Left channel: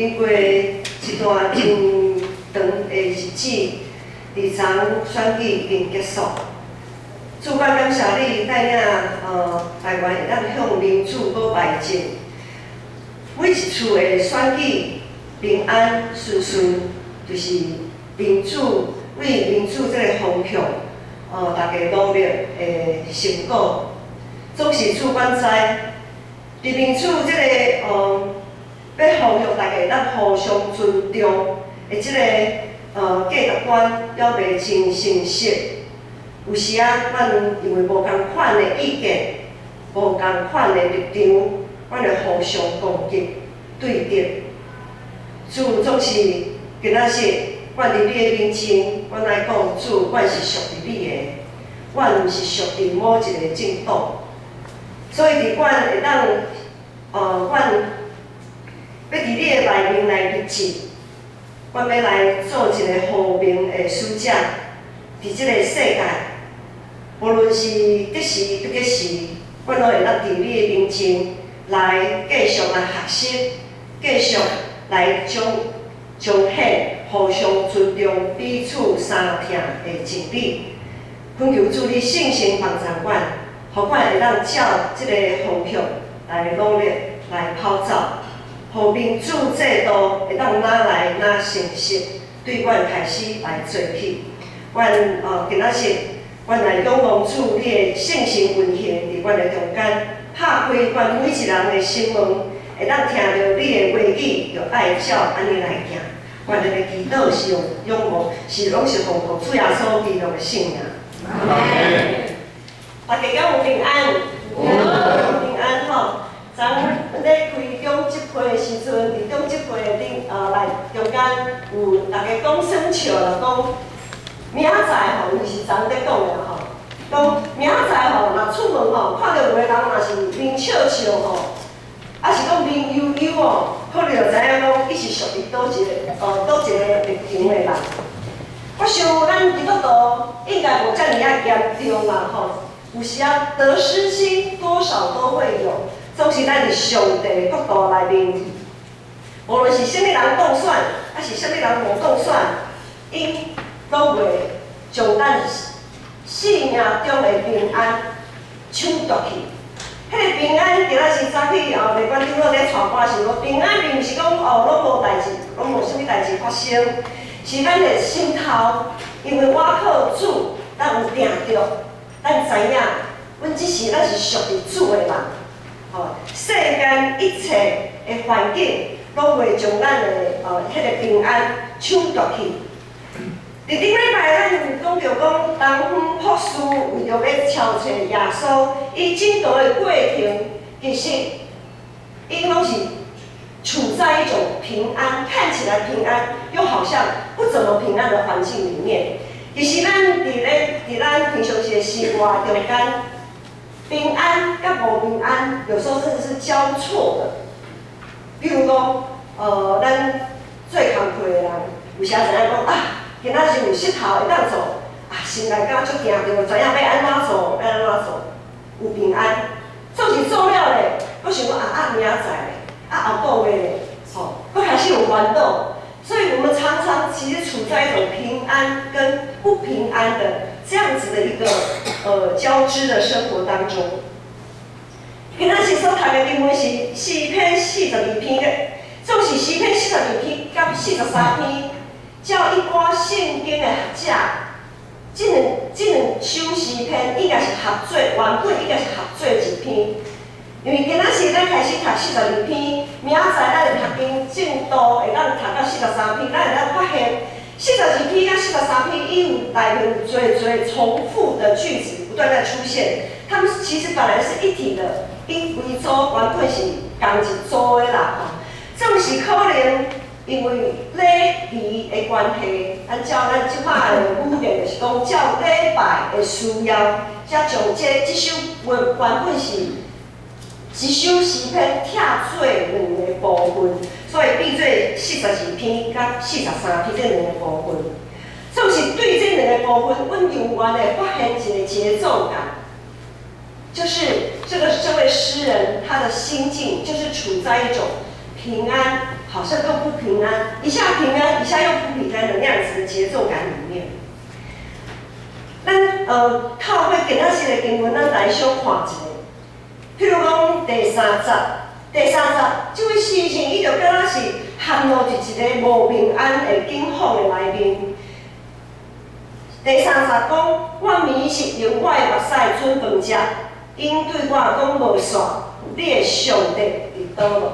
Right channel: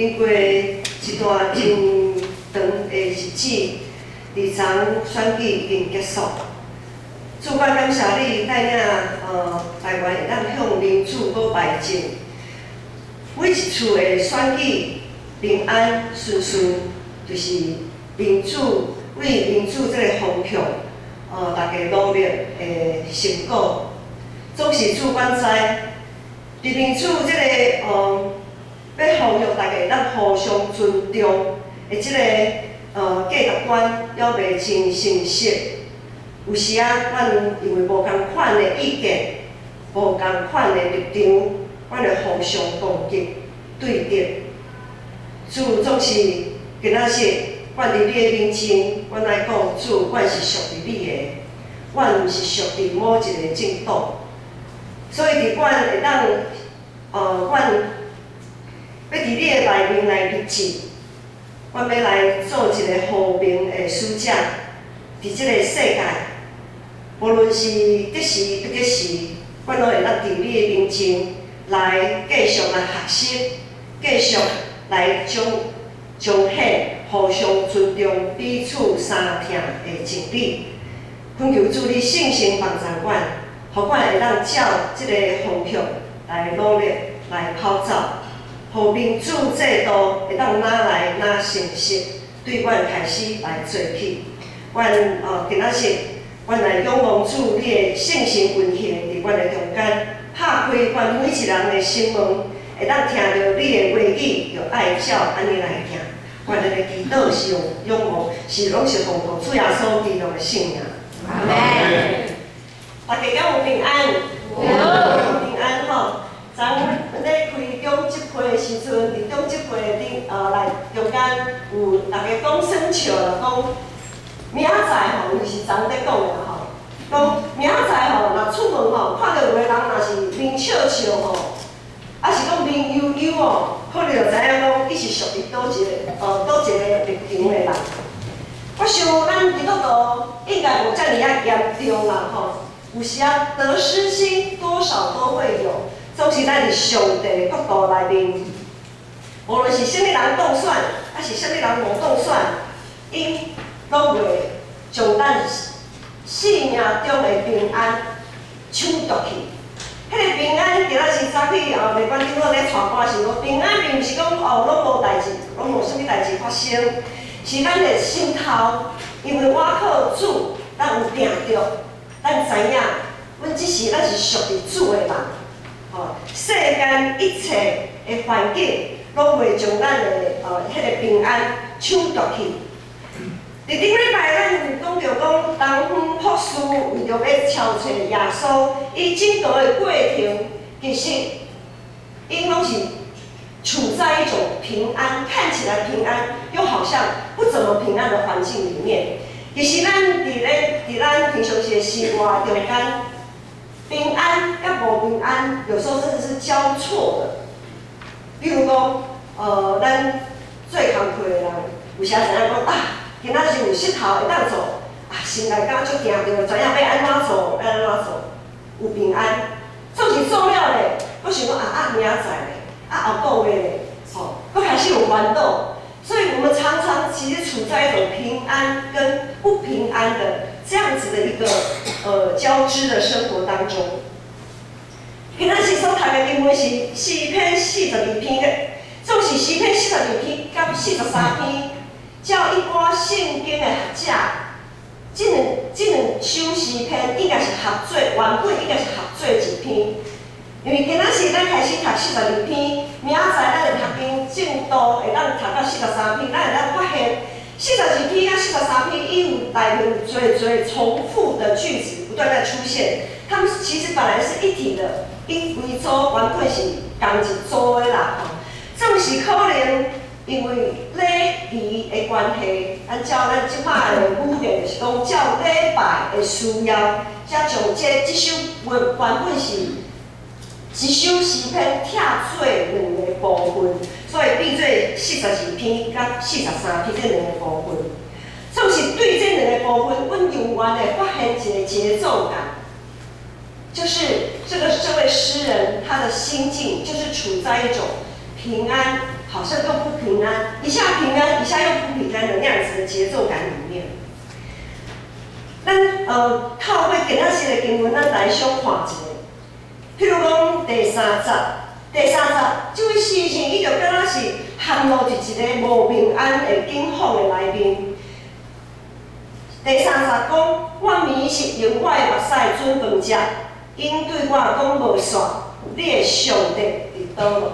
经过一段真长的日子，伫昨选举已经结束。主管感谢你带领台湾会当向民主搁迈进，每一次的选举平安顺顺，就是民主为民主这个方向，大家努力的成果。总是主管知，伫民主这个要方向，大家会当互相尊重的这个价值观，了袂真成熟。有时啊，咱因为无共款的意见，无共款的立场，咱会互相攻击、对立。主总是今仔日，阮伫你的面前，阮来讲，主，阮是属于你的，阮毋是属于某一个政党。所以伫阮会当，阮要伫你的内面来立志，阮要来做一个和平的使者，伫即个世界。无论是得时不得时，阮拢会当伫你的面前来继续来学习，继续来彰显互相尊重、彼此相听的真理。恳求主你圣神帮助阮，互阮会当照即个方向来努力来跑走，互民主制度会当哪来哪成熟，对阮开始来做起。阮今仔日。阮来仰望主你的圣神运行伫阮的中间，拍开阮每一人的心门，会当听到你的话语，就爱照安尼来行。阮的祈祷是用仰望，拢是奉靠主耶稣基督的圣名。大家敢有平安？有平安吼。昨阮咧开中集会的时阵，伫中集会顶来中间有大家讲耍笑啦，讲。明仔载吼，伊是昨咧讲的吼，讲明仔载吼，若出门吼，看到有个人若是面笑笑吼，啊是讲面悠悠哦，可能就知影讲伊是属于倒一个立场的人。我想咱基督徒应该无遮尔啊严重啦吼，有时啊得失心多少都会有，总是咱伫上帝的角度内面，无论是啥物人当选，还是啥物人无当选，因拢袂将咱生命中的平安抢夺去。迄个平安，今仔日早起内观长老咧传播时讲，平安并毋是讲拢无代志，拢无啥物代志发生，是咱的心头，因为我靠主，咱有定着，咱知影，阮即时咱是属于主的人。世间一切的环境，拢袂将咱的迄个平安抢夺去。伫顶礼拜，咱有讲到讲，东方博士为着要超找耶稣，伊整个的过程，其实因拢是处在一种平安，看起来平安，又好像不怎么平安的环境里面。其实咱伫咱平常时的生活中间，平安甲无平安，有时候甚至是交错的。比如讲，咱做工课的人，有时知影讲啊。今仔日有膝头会当做，心内敢足惊着，知影要安怎做，要安怎做，有平安。做是做了咧，我想讲明仔载咧，后个月咧，佫开始有烦恼。所以我们常常其实处在一种平安跟不平安的这样子的一个交织的生活当中。今仔日所读的经文是诗篇42篇嘅，总是诗篇42篇甲43篇。照一般圣经的学者，这两首诗篇应该是合做，原本应该是合做一篇。因为今仔日咱开始读42篇，明仔载咱会读经进度会当读到43篇，咱会当发现42篇甲43篇，伊有内面有最重复的句子不断在出现。它们其实本来是一体的，因规组原本是同一组的啦，总是可能。因为礼仪的关系，咱即摆的语言就是讲，照礼拜的需要，才将即首原本是一首诗篇拆做两个部分，所以变做42篇甲43篇这两个部分。总是对这两个部分，阮永远的发现一个节奏感，就是这位诗人他的心境就是处在一种平安。好像都不平安，一下平安，一下又不平安的那样子的节奏感里面。咱透过今仔日的经文，咱来小看一下。譬如讲第三节，这位诗人伊就敢若是陷入伫一个无平安的境况的内面。第三节讲，我眠是用我的目屎准饭食，因对我讲无煞，你的上帝伫倒落？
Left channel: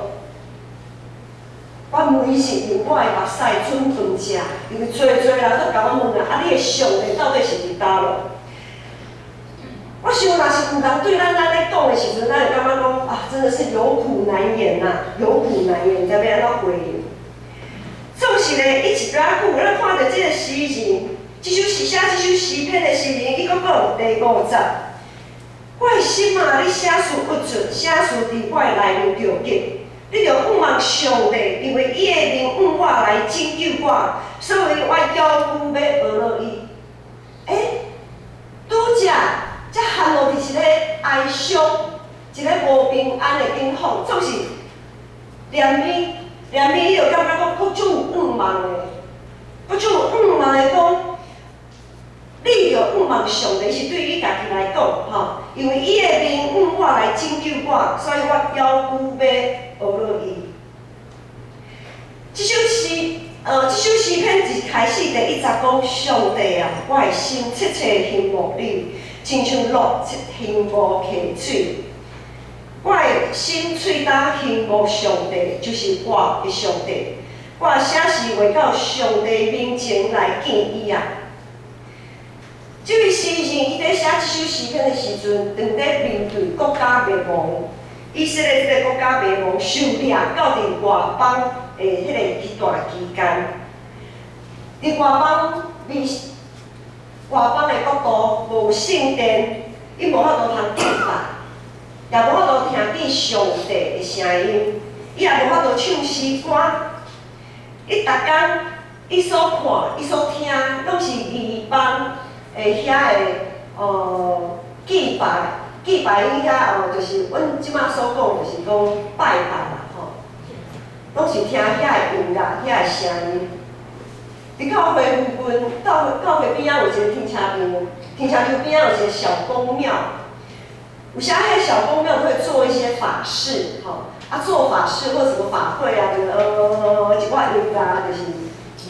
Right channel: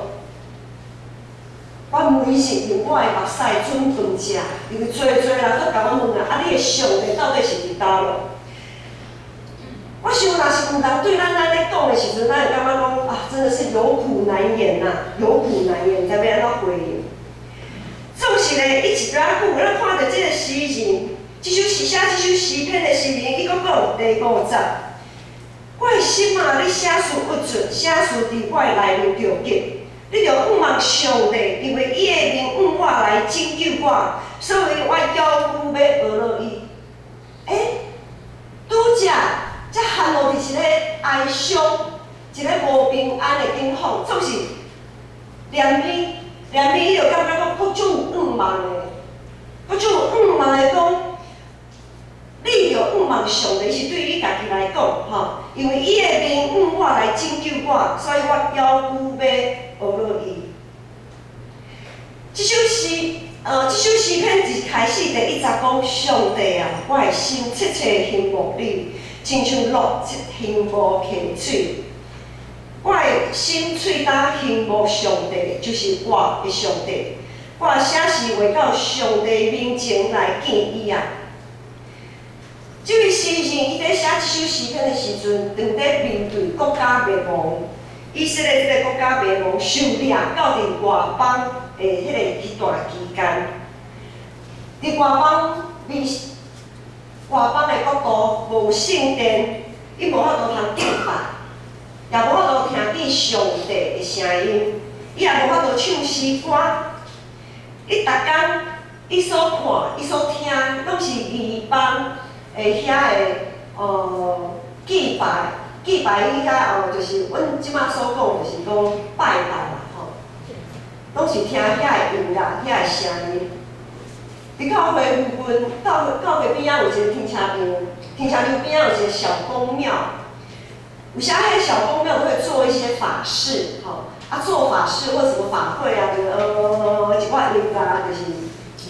我眠是用我的目屎准饭食，因为做人都甲我问啊，你的上帝到底是伫倒落？我想，若是有人对咱咧讲的时阵，咱会感觉讲啊，真的是有苦难言呐，有苦难言，知要安怎回应？总是咧，伊一边久，咱看到这个诗人，写这首诗篇的诗人，伊讲第5节，我的心啊，你写书不准，写书伫我的内面着急，你着仰望上帝，因为伊的名向我来拯救我，所以我腰骨要学落伊。拄则。才陷入伫一个哀伤、一个无平安的境况，总是念伊，伊就感觉讲，佫种有仰望的，佫种有仰望的讲，你着仰望上帝是对伊家己来讲，吼，因为伊的名向我来拯救我，所以我腰骨要学落伊。这首诗篇一开始第1节讲，上帝啊，我的心切切羡慕你。亲像鹿羡慕溪水，我的心喙焦羡慕上帝，就是我的上帝。我写诗为到上帝面前来见伊啊。这位诗人伊在写这首诗篇的时阵，正在面对国家灭亡，以色列这个国家灭亡，受掠到伫外邦的迄段期间，伫外邦的国度无圣殿，伊无法度通敬拜，也无法度听见上帝的声音，伊也无法度唱诗歌。伊逐工伊所看、伊所听，拢是异邦的遐的祭拜伊遐就是阮即摆所讲，就是讲拜啦吼，拢是听遐的音乐、遐的声音。伫教会附近，教会边仔有一个停车场，停车场边仔有一个小公庙，有时迄小公庙都会做一些法事，吼，做法事或什么法会啊，就是一挂音乐啊，就是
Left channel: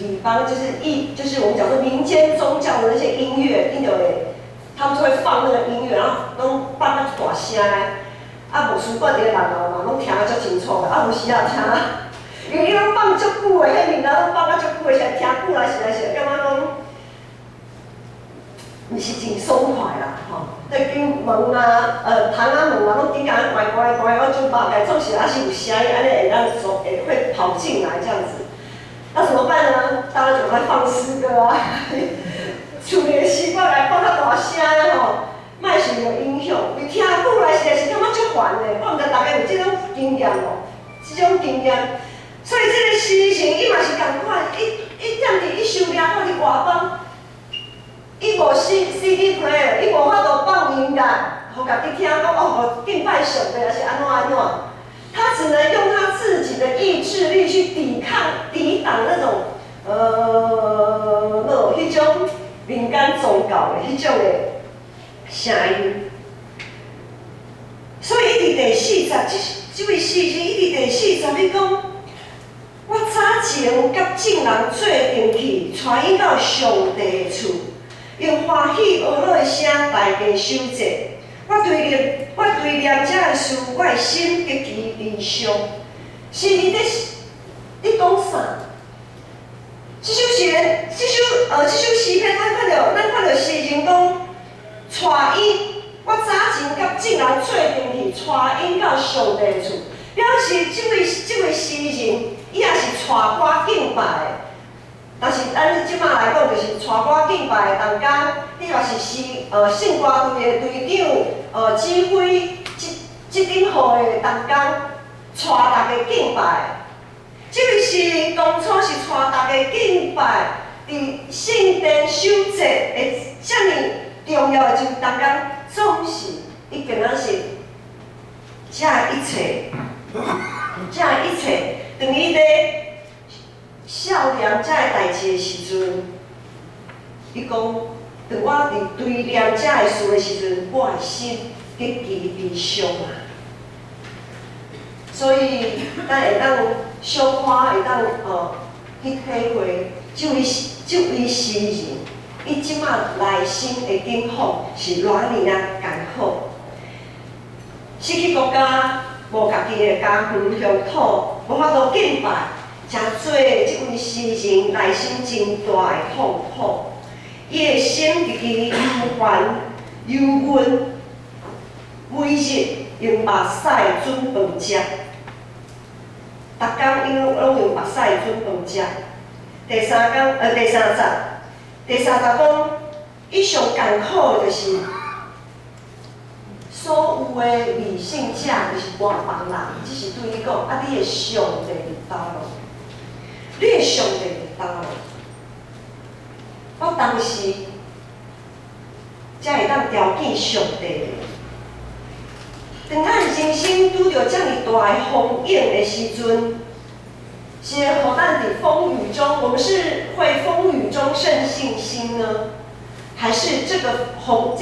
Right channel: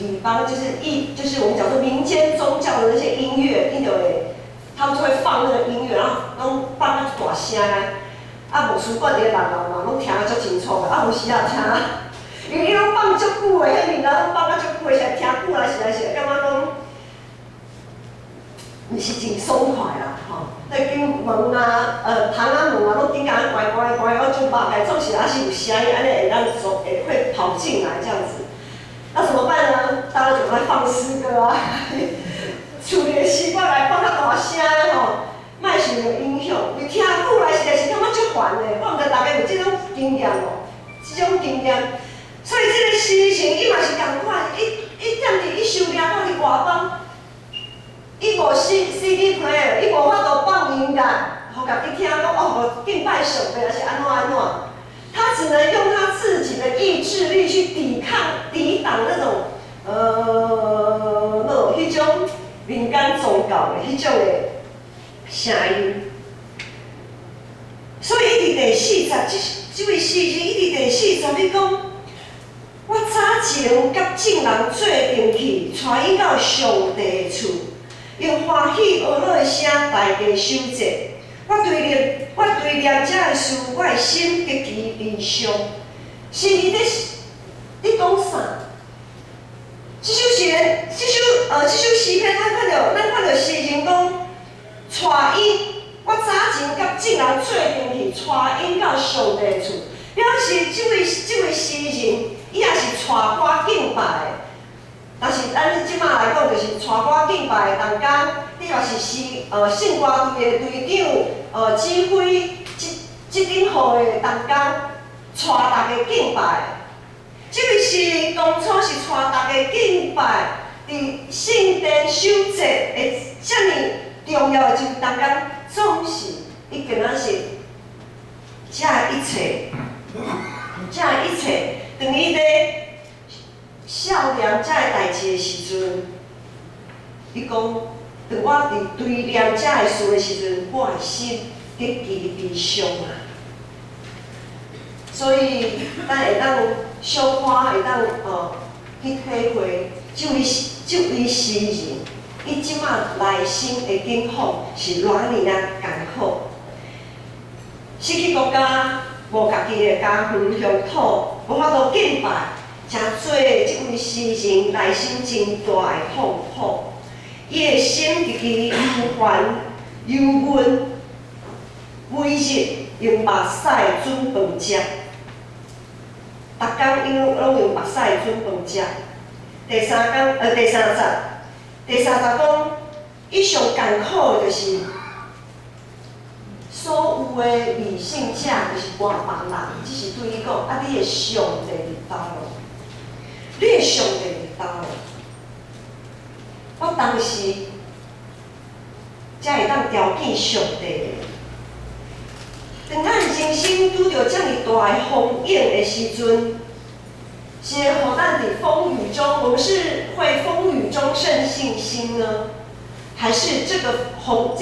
礼邦，就是我们讲说民间宗教的那些音乐，你就会，他们就会放那个音乐，然后拢放啊大声的，无事惯伫个人楼嘛，拢听啊足清楚的，有时啊听。因为伊拢放足久的，迄面啊拢放啊足久的，实听久啊，实在是感觉讲，毋是真爽快啦，吼。对经门啊，窗仔门啊，拢紧甲关，我就大概总是还是有声音，安尼会让会跑进来这样子。那怎么办呢？当然就来放诗歌啊，厝里的习惯来放较大声吼，莫想着影响。伊听久来实在是感觉足烦的，我毋知大家有即种经验无？即种经验。所以这个诗人伊嘛是共款，伊踮伫伊受掠到伫外邦，伊无 CD player， 伊无法度放音乐，互家己听讲敬拜上帝还是安怎。他只能用他自己的意志力去抵挡那种迄种民间宗教的迄种的声音。所以伊伫第4节，这位诗人伊伫第4节你讲。我早前甲众人做阵去，带因到上帝的厝，用欢喜学落的声大家修节。我对念这个事，我的心极其悲伤。是你讲啥？这首诗篇，咱看到诗人讲，带因，我早前甲众人做阵去，带因到上帝的厝，表示这位诗人。伊也是带歌敬拜的，但是咱即摆来讲，就是带歌敬拜的当中，你若是圣歌队的队长，指挥即顶号的当中，带大家敬拜。即位诗人当初是带大家敬拜，伫圣殿守节的遮尔重要的一当中，总是伊竟然是这一切，等于咧念遮个代志的时阵，伊讲，当我伫对念遮个事的时阵，我的心极其悲伤啊。所以，咱会当小可会当去体会，这位诗人，伊即马内心的境况是偌尼啊艰苦。失去国家，无家己的家园乡土，无法度敬拜，真做即位诗人内心真大的痛苦。伊的心极其忧烦、忧闷，每日用目屎准饭食。逐工因拢用目屎准饭食。第三集讲，伊上艰苦的就是所有的理性者，就是外邦人，只是对伊讲，啊，你的上帝伫倒咯？你的上帝伫倒咯？我当时才会当条件上帝。当咱人生拄着遮尔大的风影的时阵，是互咱伫风雨中，我们是会风雨中胜信心呢，还是这个风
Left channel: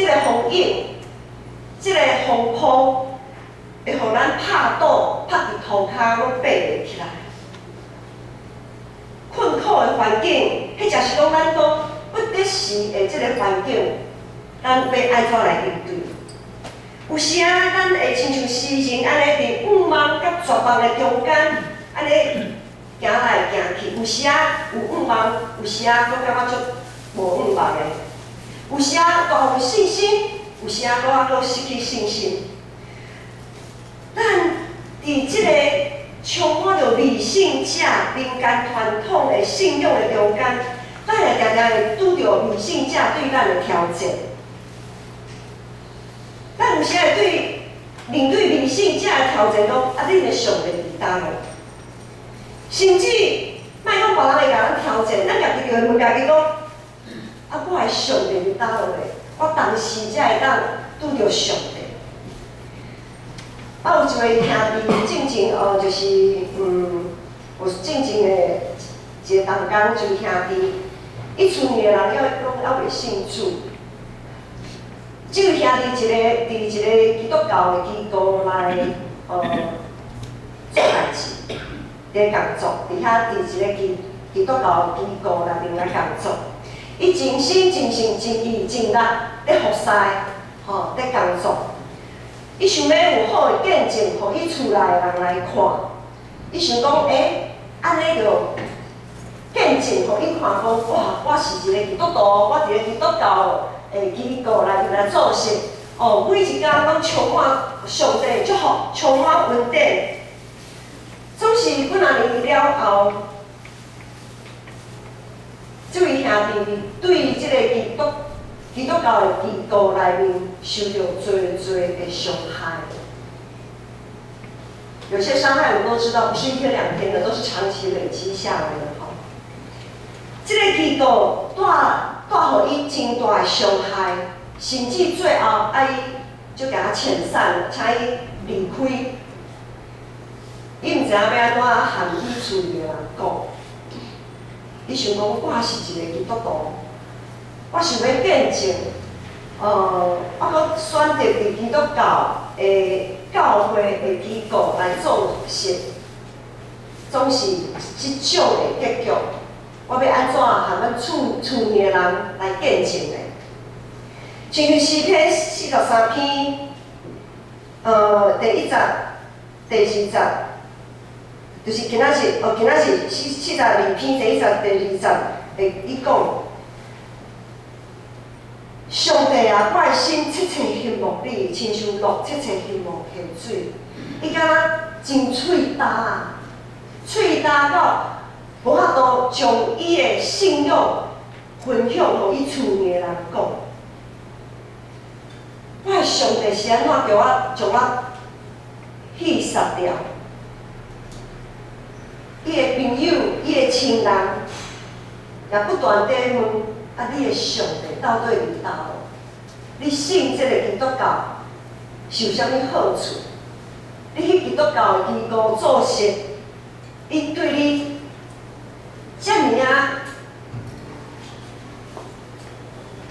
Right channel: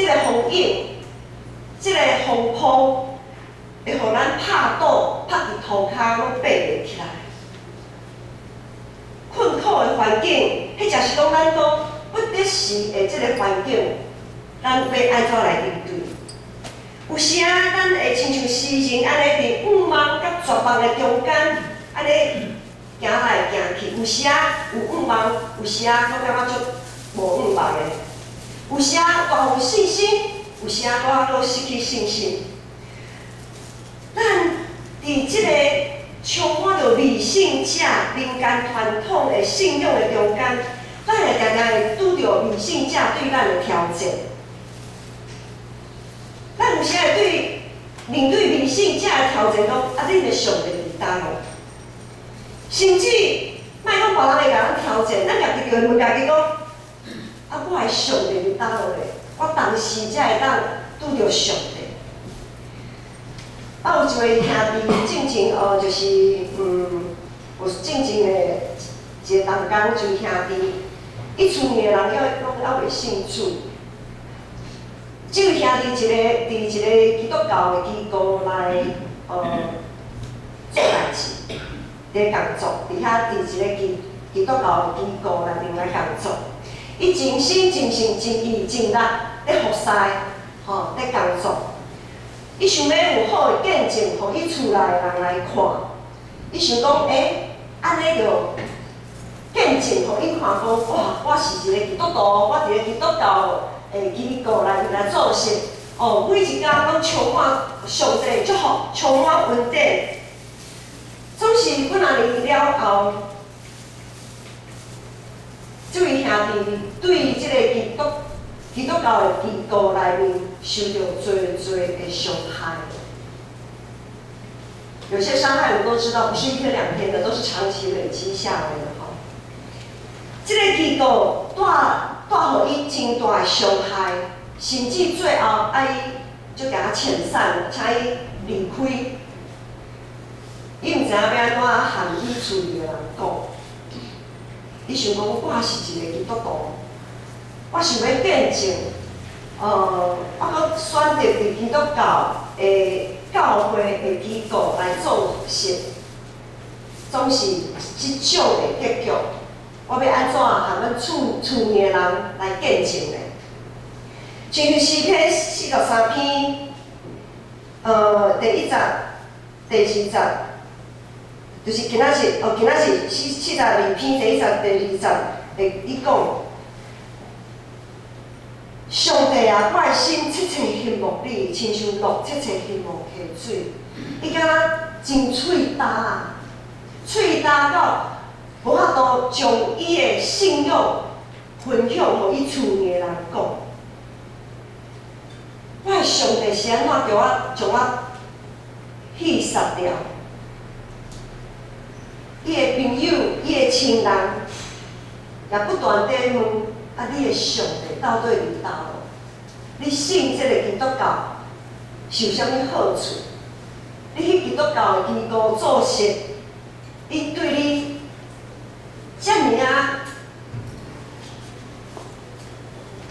影，这个风波，会互咱拍倒，拍伫涂骹拢爬袂起来？困苦的环境，迄就是讲咱讲不得时的这个环境，咱要安怎来应对？有时啊，咱会亲像诗人安尼伫五梦甲绝望的中间，安尼行来行去。有时啊有五梦，有时啊搁感觉足无五梦的。有时啊大有信心，有时啊搁失去信心。咱伫即个充满着理性者、民间传统的信仰的中间，咱会常常会拄着理性者对咱的挑战。咱有时会面对理性者的挑战，讲啊，恁的上帝伫倒咯？甚至莫讲别人会甲咱挑战，咱家己就会问家己讲，啊，我的上帝伫倒咯咧？我当时才会当拄着上帝。啊，有一位兄弟，进前就是有进前的一个同工，就是兄弟，伊厝里的人拢还袂信主。这位兄弟伫一个基督教的机构来做代志，伫工作，伫遐伫一个基督教的机构内面来工作。伊真心真性真意真力咧服侍，咧工作。伊想要有好的见证，互伊厝内的人来看。伊想讲，安尼就见证，互伊看讲，哇，我是一个基督徒，我伫个基督教机构内面来做事。每一天拢充满上帝祝福，充满恩典。总是几啊年了后，这位兄弟对这个基督教的机构内面受到多的伤害。有些伤害我们都知道，不是一天两天的，都是长期累积下来的哈。这个机构带予伊真大的伤害，甚至最后伊就给他遣散了，请伊离开。伊毋知影要安怎含伊厝里的人讲。伊想讲，我是一个基督徒，我想要见证，我搁选择伫基督教的教会的机构来做事，总是即种的结局。我要安怎含阮厝里的人来见证呢？像诗篇43篇，第1节、第2节。就是今仔日42篇第1节、第2节，伊讲，上帝啊，我的心切切羡慕你，亲像鹿切切羡慕溪水。伊敢若真喙焦啊，喙焦到无法度将伊的信仰分享互伊厝里的人讲。我的上帝是安怎将我戏杀掉？伊的朋友、伊的亲人，也不断地问：啊，你的上帝到底伫倒咯？你信这个基督教是有啥物好处？你去基督教的机构做事，伊对你遮尔啊，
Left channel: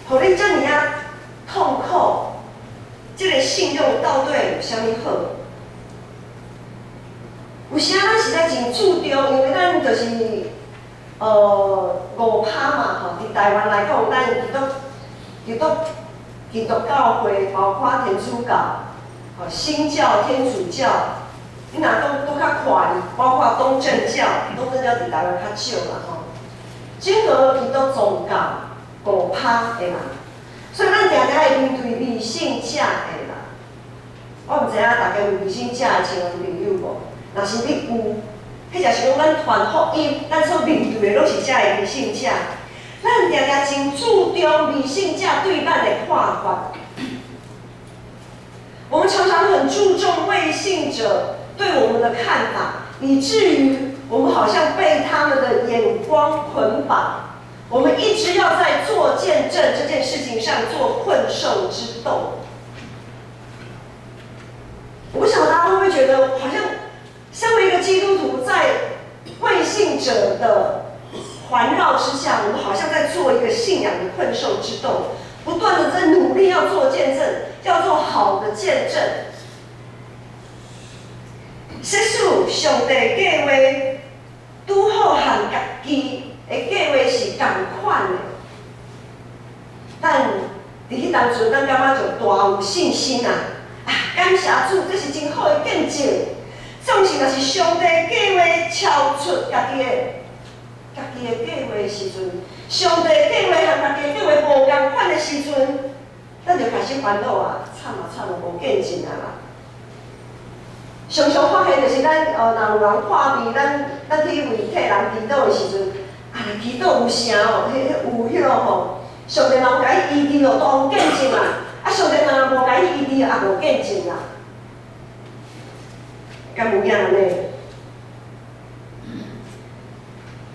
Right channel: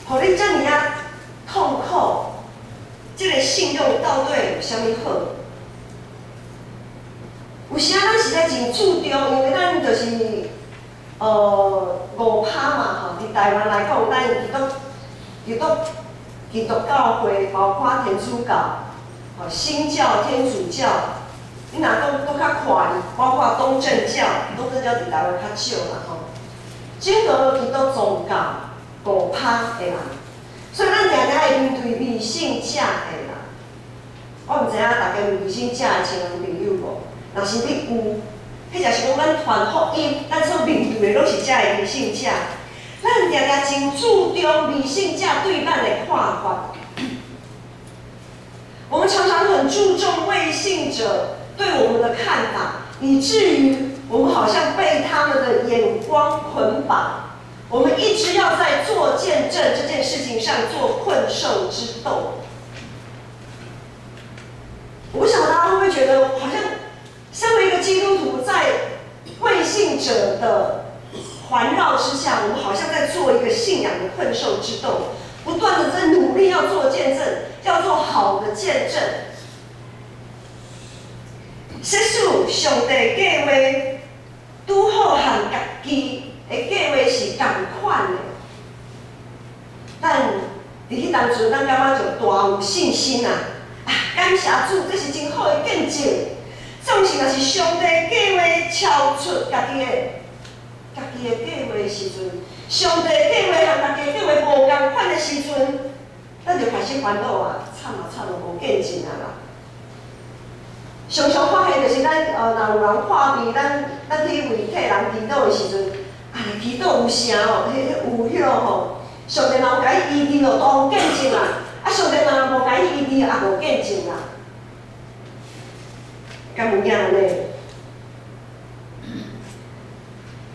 互你遮尔啊痛苦，这个信用到底有啥物好？有时咱实在真注重，因为咱就是5%嘛吼，伫台湾来讲，咱基督教会，包括天主教、新教、天主教，你若都较宽，包括东正教伫台湾较少啦吼。整个基督宗教5%的人，所以咱常常会面对迷信者的人。我毋知影大家有迷信者的亲人朋友无？若是你有，迄就是讲咱传福音，咱所面对的拢是遮的迷信者。咱常常真注重迷信者对咱的看法。我们常常很注重未信者对我们的看法，以至于我们好像被他们的眼光捆绑。我们一直要在做见证这件事情上做困兽之斗。我不晓得大家会不会觉得，好像身为一个基督徒，在未信者的环绕之下，我们好像在做一个信仰的困兽之斗，不断的在努力要做见证，要做好的见证。实属上帝计划，拄好和家己的计划是同款的。咱伫迄当阵，咱感觉就大有信心啊！感谢主，这是真好的见证。总是若是上帝计划超出家己的计划的时阵，上帝计划和家己的计划无共款的时阵，咱就开始烦恼啊！惨无见证啊啦！常常发现就是咱若有人破病，咱去为替人祈祷的时阵，祈祷有成哦，有迄落吼，上帝若有甲伊医治就当见证啦。上帝若无甲伊医治，也无见证啦。敢有影安尼？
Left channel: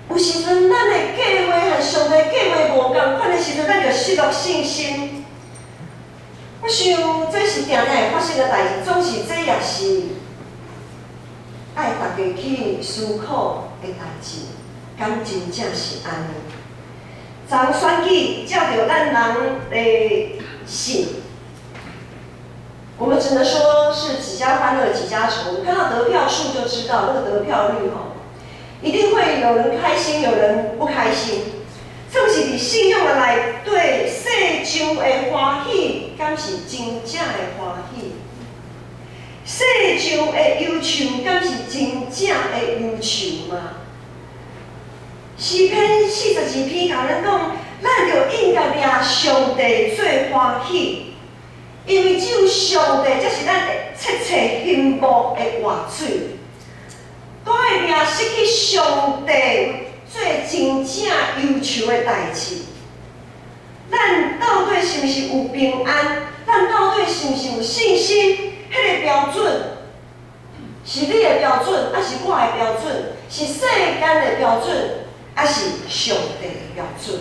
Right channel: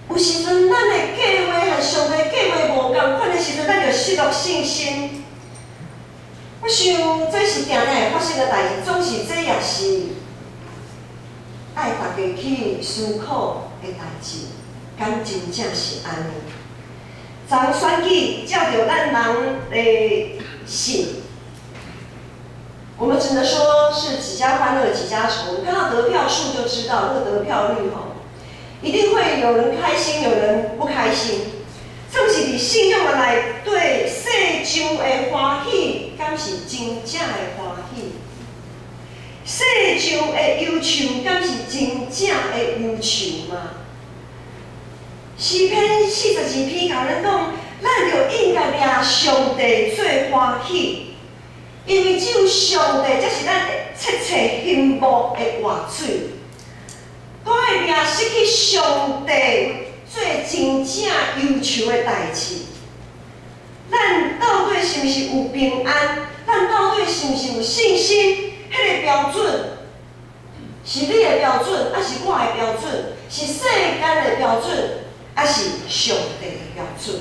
有时阵，咱的计划和上帝计划无共款的时阵，咱就失落信心。我想这是定定会发生的代志，总是这也是爱大家去思考的代志。敢真正是安尼？昨选举照着咱人的信。我们只能说是几家欢乐几家愁。看到得票数就知道那个得票率一定会有人开心，有人不开心。总是以信用来对世上的欢喜，敢是真正的欢喜？世上的忧愁，敢是真正的忧愁吗？诗篇42篇甲咱讲，咱就应该掠上帝最欢喜。因为只有上帝才是咱切切幸福的活水。我会掠失去上帝做真正忧愁的代志。咱到底是毋是有平安？咱到底是毋是有信心？迄个标准是你的标准，还是我的标准？是世间的标准，还是上帝的标准？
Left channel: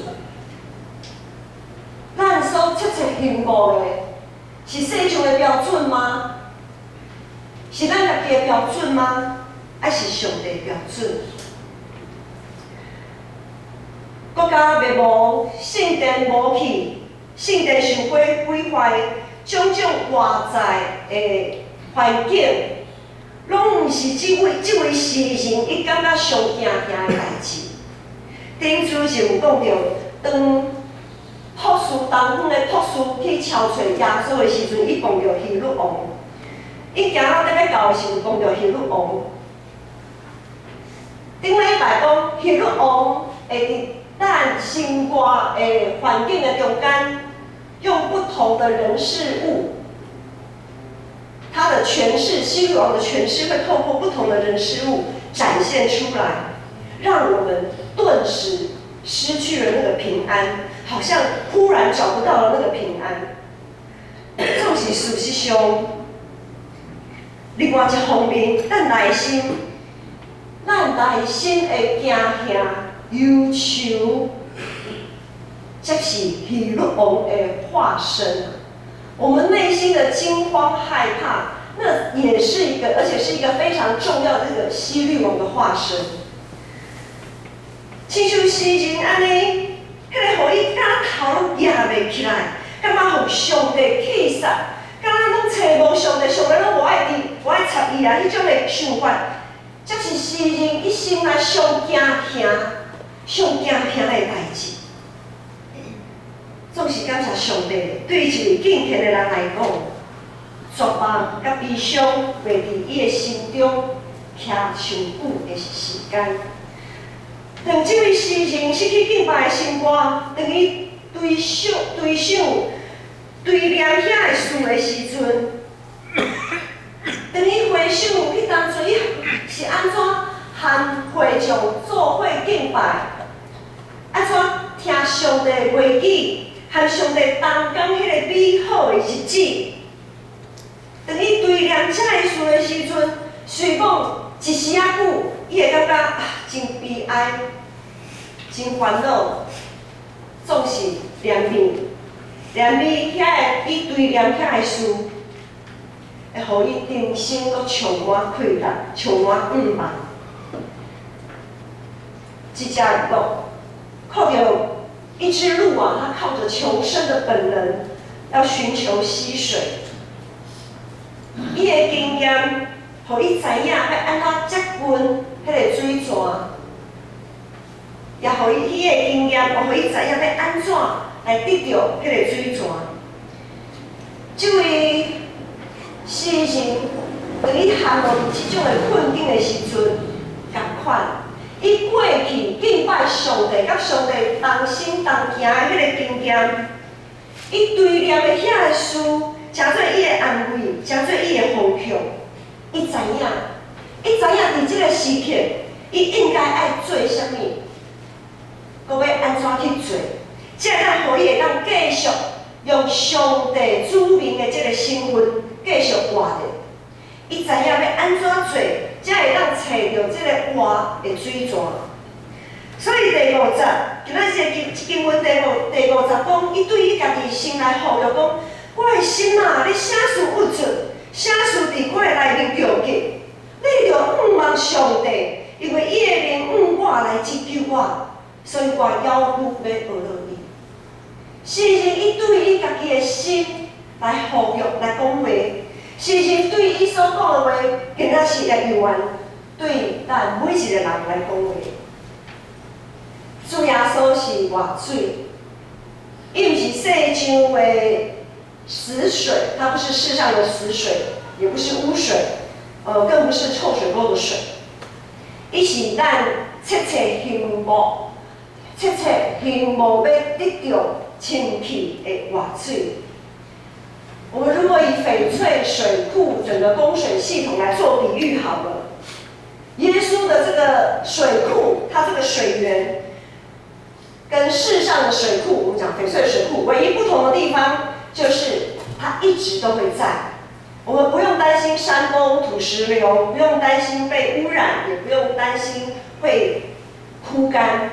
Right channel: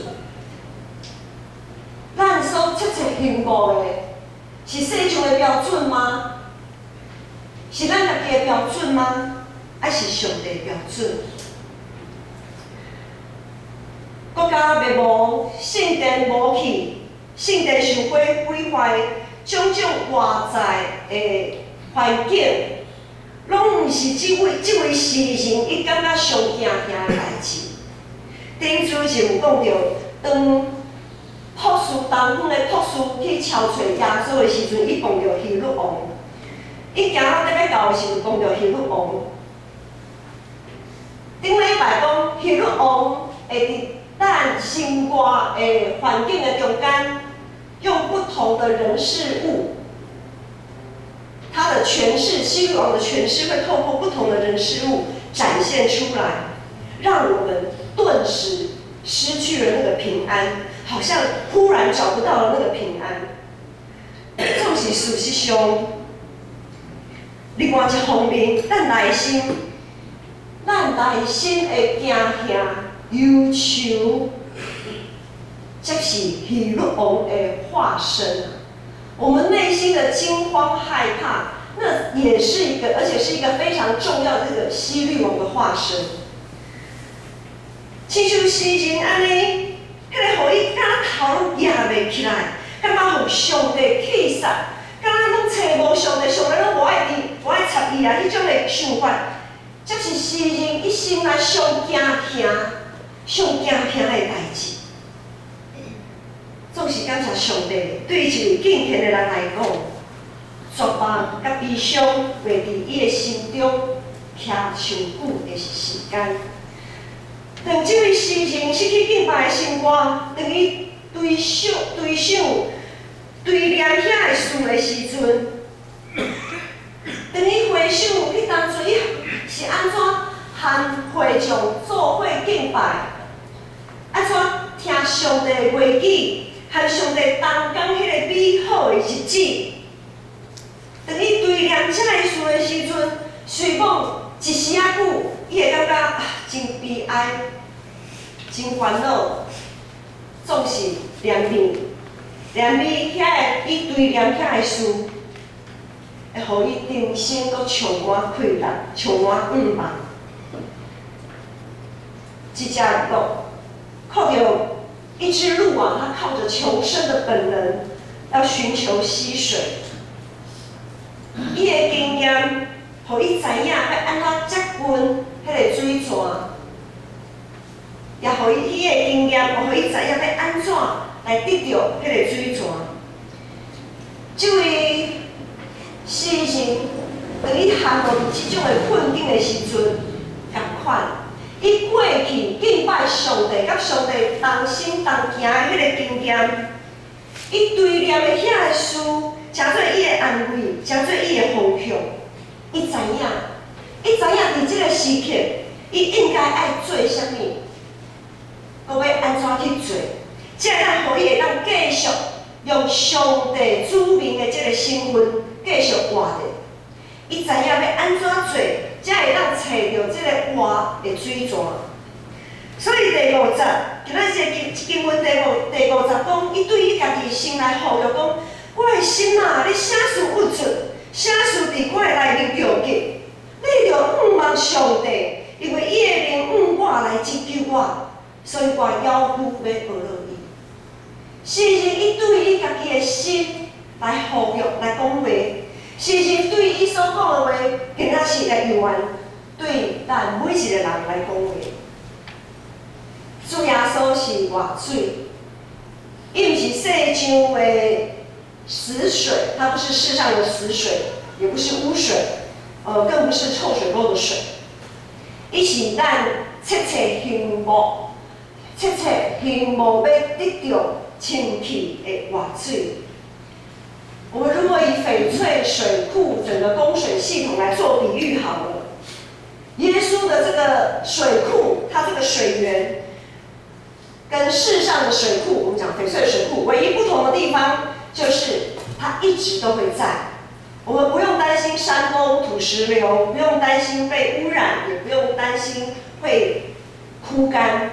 咱所切切幸福的。是世上的标准吗？是咱家己的标准吗？还是上帝的标准？国家灭亡，圣殿无去，圣殿受毁毁坏，种种外在的环境，拢毋是这位诗人伊感觉上惊的代志。顶主就有讲到，当博士东方的博士去敲找耶稣的时阵，伊碰到希律王。伊行到要到的时阵，碰到希律王。顶礼拜讲，希律王会伫咱生活的环境的中间，用不同的人事物，他的诠释，希律王的诠释会透过不同的人事物展现出来，让我们顿时失去了那个平安。好像忽然找不到了那个平安，这是事实上。另外一方面，咱内心的惊吓、忧愁，这是希律王的化身。我们内心的惊慌害怕，那也是一个，而且是一个非常重要的这个希律王的化身。亲像诗人安尼，迄个互伊敢头拢压袂起来，感觉互上帝气煞，敢若拢找无上帝，上帝拢无爱插伊啊！迄种的想法，则是诗人一生来上惊的代志。总是感谢上帝，对于一位敬虔的人来讲，绝望甲悲伤袂伫伊的心中徛上久的时间。当这位诗人失去敬拜的生活，当伊对想对念遐的事的时阵，当伊回想迄当初伊是安怎和会众做伙敬拜，安怎听上帝的话语，和上帝同工迄个美好的日子。当伊对念这个事的时阵，随讲一时仔久，伊会感觉真悲哀、真烦恼，总是念伊伊对念遐的事，会互伊人生阁充满快乐、充满盼望。一只鹿靠着一只鹿啊，它靠着求生的本能，要寻求溪水。伊的经验，互伊知影要安怎接近迄个水泉，也互伊的经验，互伊知影要安怎来得到迄个水泉。这位诗人，当伊陷入即种的困境的时阵，共款，伊过去敬拜上帝，甲上帝同心同行的迄个经验，伊对念的遐个事，诚做伊的安慰，诚做伊的方向。伊知影伫即个时刻，伊应该爱做啥物，搁要安怎去做，才会当互伊会当继续用上帝子民的即个身份继续活着。伊知影要安怎做，才会当找到即个活的水泉。所以第50，今仔日经文第50讲，伊对伊家己心内呼吁讲：我的心啊，你啥事不准，啥事伫我的内面着急，你着仰望上帝，因为伊的名我来拯救我，所以我要求要学落伊。诗人伊对伊家己的心来呼吁来讲话，诗人对伊所讲的话，更加是来用对咱每一个人来讲话。主耶稣是活水，伊毋是世上的死水，它不是世上的死水，也不是污水，更不是臭水沟的水。伊是咱切切幸福要得到清气的活水。我们如果以翡翠水库整个供水系统来做比喻好了，耶稣的这个水库，它这个水源跟世上的水库，我们讲翡翠水库，唯一不同的地方就是它一直都会在。我们不用担心山崩土石流，不用担心被污染，也不用担心会枯干，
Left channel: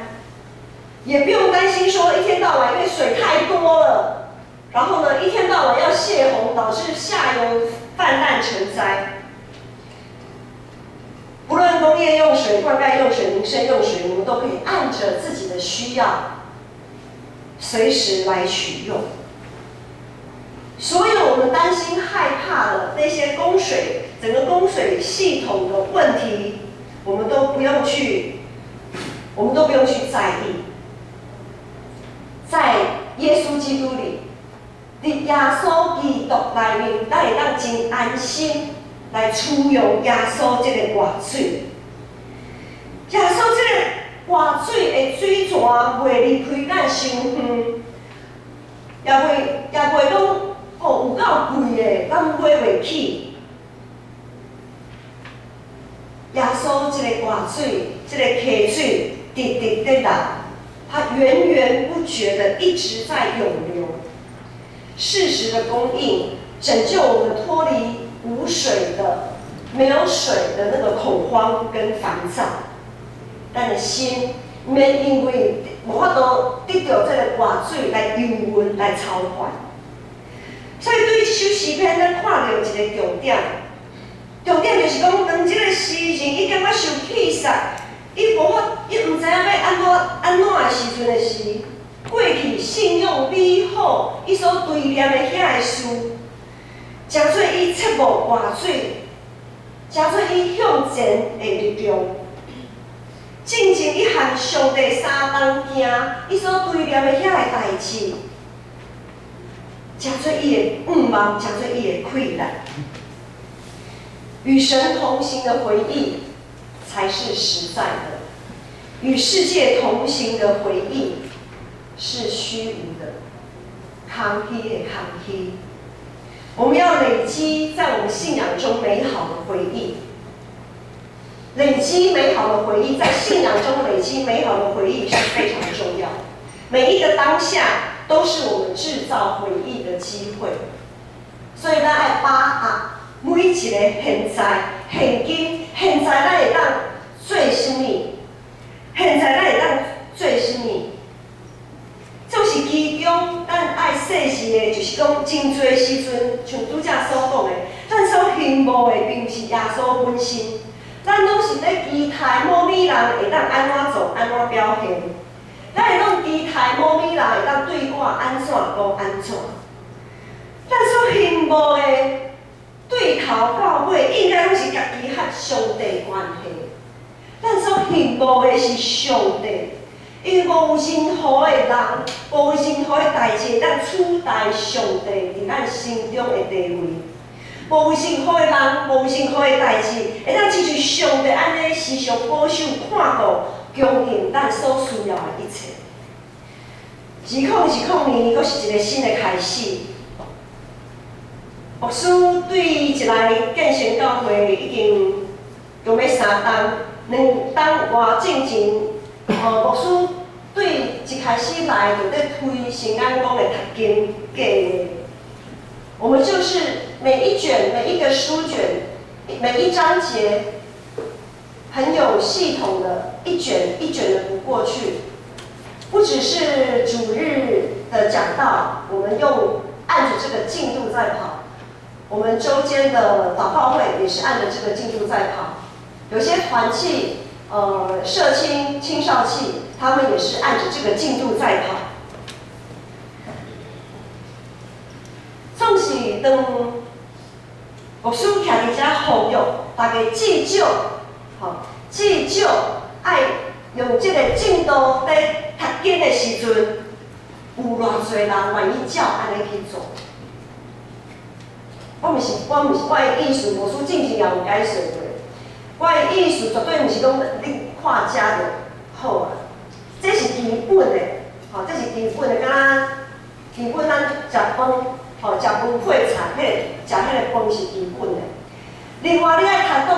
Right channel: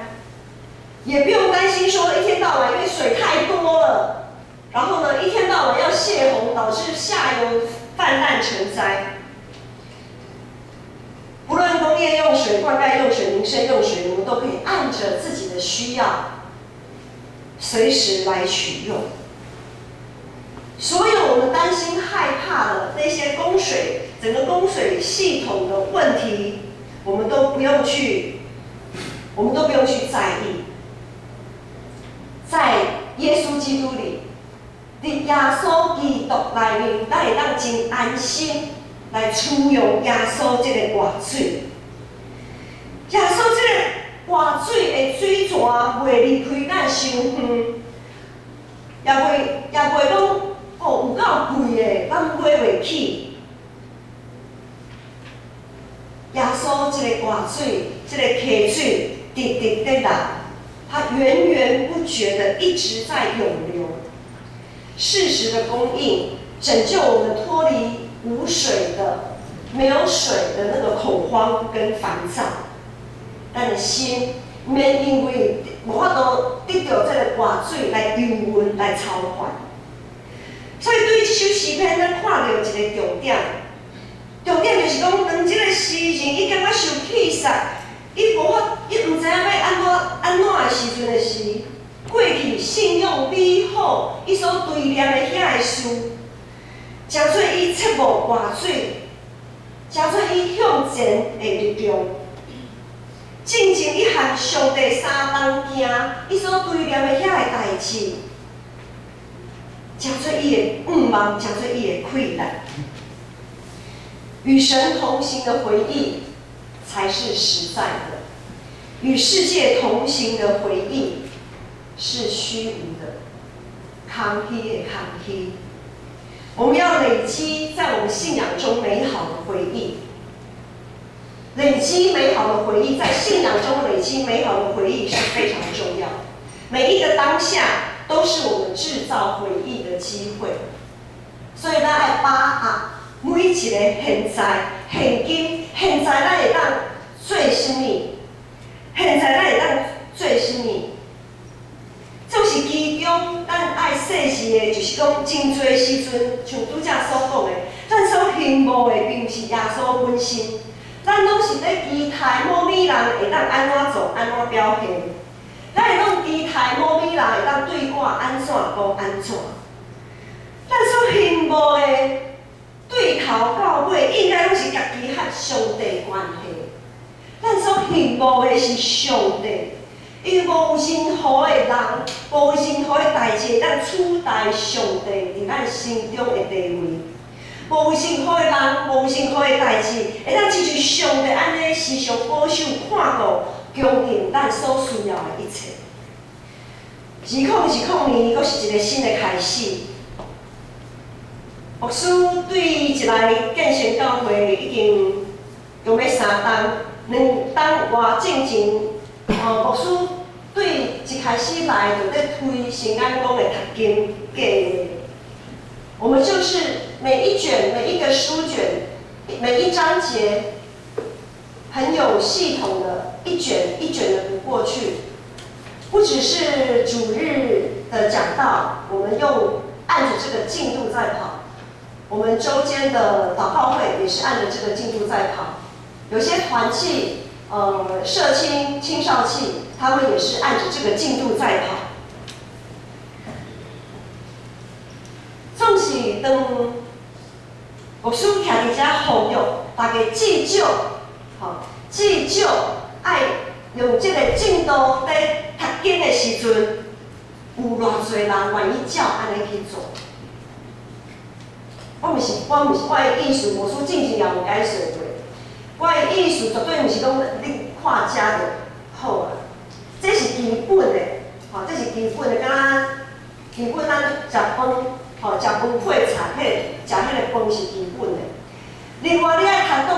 也不用担心说一天到晚因为水太多了，然后呢一天到晚要泄洪，导致下游泛滥成灾。不论工业用水、灌溉用水、民生用水，我们都可以按着自己的需要，随时来取用。所有我们担心、害怕的那些供水、整个供水系统的问题，我们都不用去在意。在耶稣基督里，伫耶稣基督内面，咱会当真安心来取用耶稣这个活水。耶稣这个活水的水泉袂离开咱伤远，也袂讲有够贵的，咱买袂起。耶稣这个活水，这个溪水直直在流，它源源不绝的一直在涌流，适时的供应，拯救我们脱离无水的、没有水的那个恐慌跟烦躁。咱的心免因为无法度得到这个活水来游魂来操烦。所以对这首诗篇，咱看到一个重点就是讲，当这个诗人伊感觉受气煞，伊无法，伊毋知影要安怎的时阵的是，过去信用美好，伊所对念的遐个事，诚做伊切无外水，诚做伊向前的力量。进前伊和上帝相同行，伊所对念的遐个代志，诚做伊的愿望，诚做伊的困难。与神同行的回忆才是实在的，与世界同行的回忆是虚无的，空虚的空虚。我们要累积在我们信仰中美好的回忆，累积美好的回忆，在信仰中累积美好的回忆是非常重要。每一个当下都是我们制造回忆的机会，所以咱要把握每一个现在、现今、现在咱会当做什么？现在咱会当做什么？就是其中，咱爱细视的，就是讲真侪时阵，像拄则所讲的，咱所羡慕的并不是耶稣本身，咱拢是咧期待某美人会当安怎做、安怎表现。咱会拢期待某美人会当对我安怎讲安怎。咱所羡慕的。对头到尾应该拢是家己和上帝关系。咱所羡慕的是上帝，因为无任何的人、无任何的代志，咱取代上帝伫咱心中的地位。无任何的人、无任何的代志，会当亲像上帝安尼时常保守、看顾、供应咱所需要的一切。2020年，阁是一个新的开始。牧师对一来建成教会已经用要3冬，2冬外进前，牧师对一开始来就在推新安宫的读经计划。我们就是每一卷、每一个书卷、每一章节，很有系统的一卷一卷的读过去。不只是主日的讲道，我们用按着这个进度在跑。我们周间的祷告会也是按着这个进度在跑，有些团契、社青、青少契，他们也是按着这个进度在跑。总是当牧师徛伫遮呼吁大家至少，至少爱用这个进度在读经的时阵，有偌侪人愿意照安尼去做。我的意思，牧师进前也有解说过。我的意思绝对毋是讲你看遮就好啊，这是基本的，这是基本的，敢基本咱食饭，食饭配菜，食迄个饭是基本的。另外，你爱读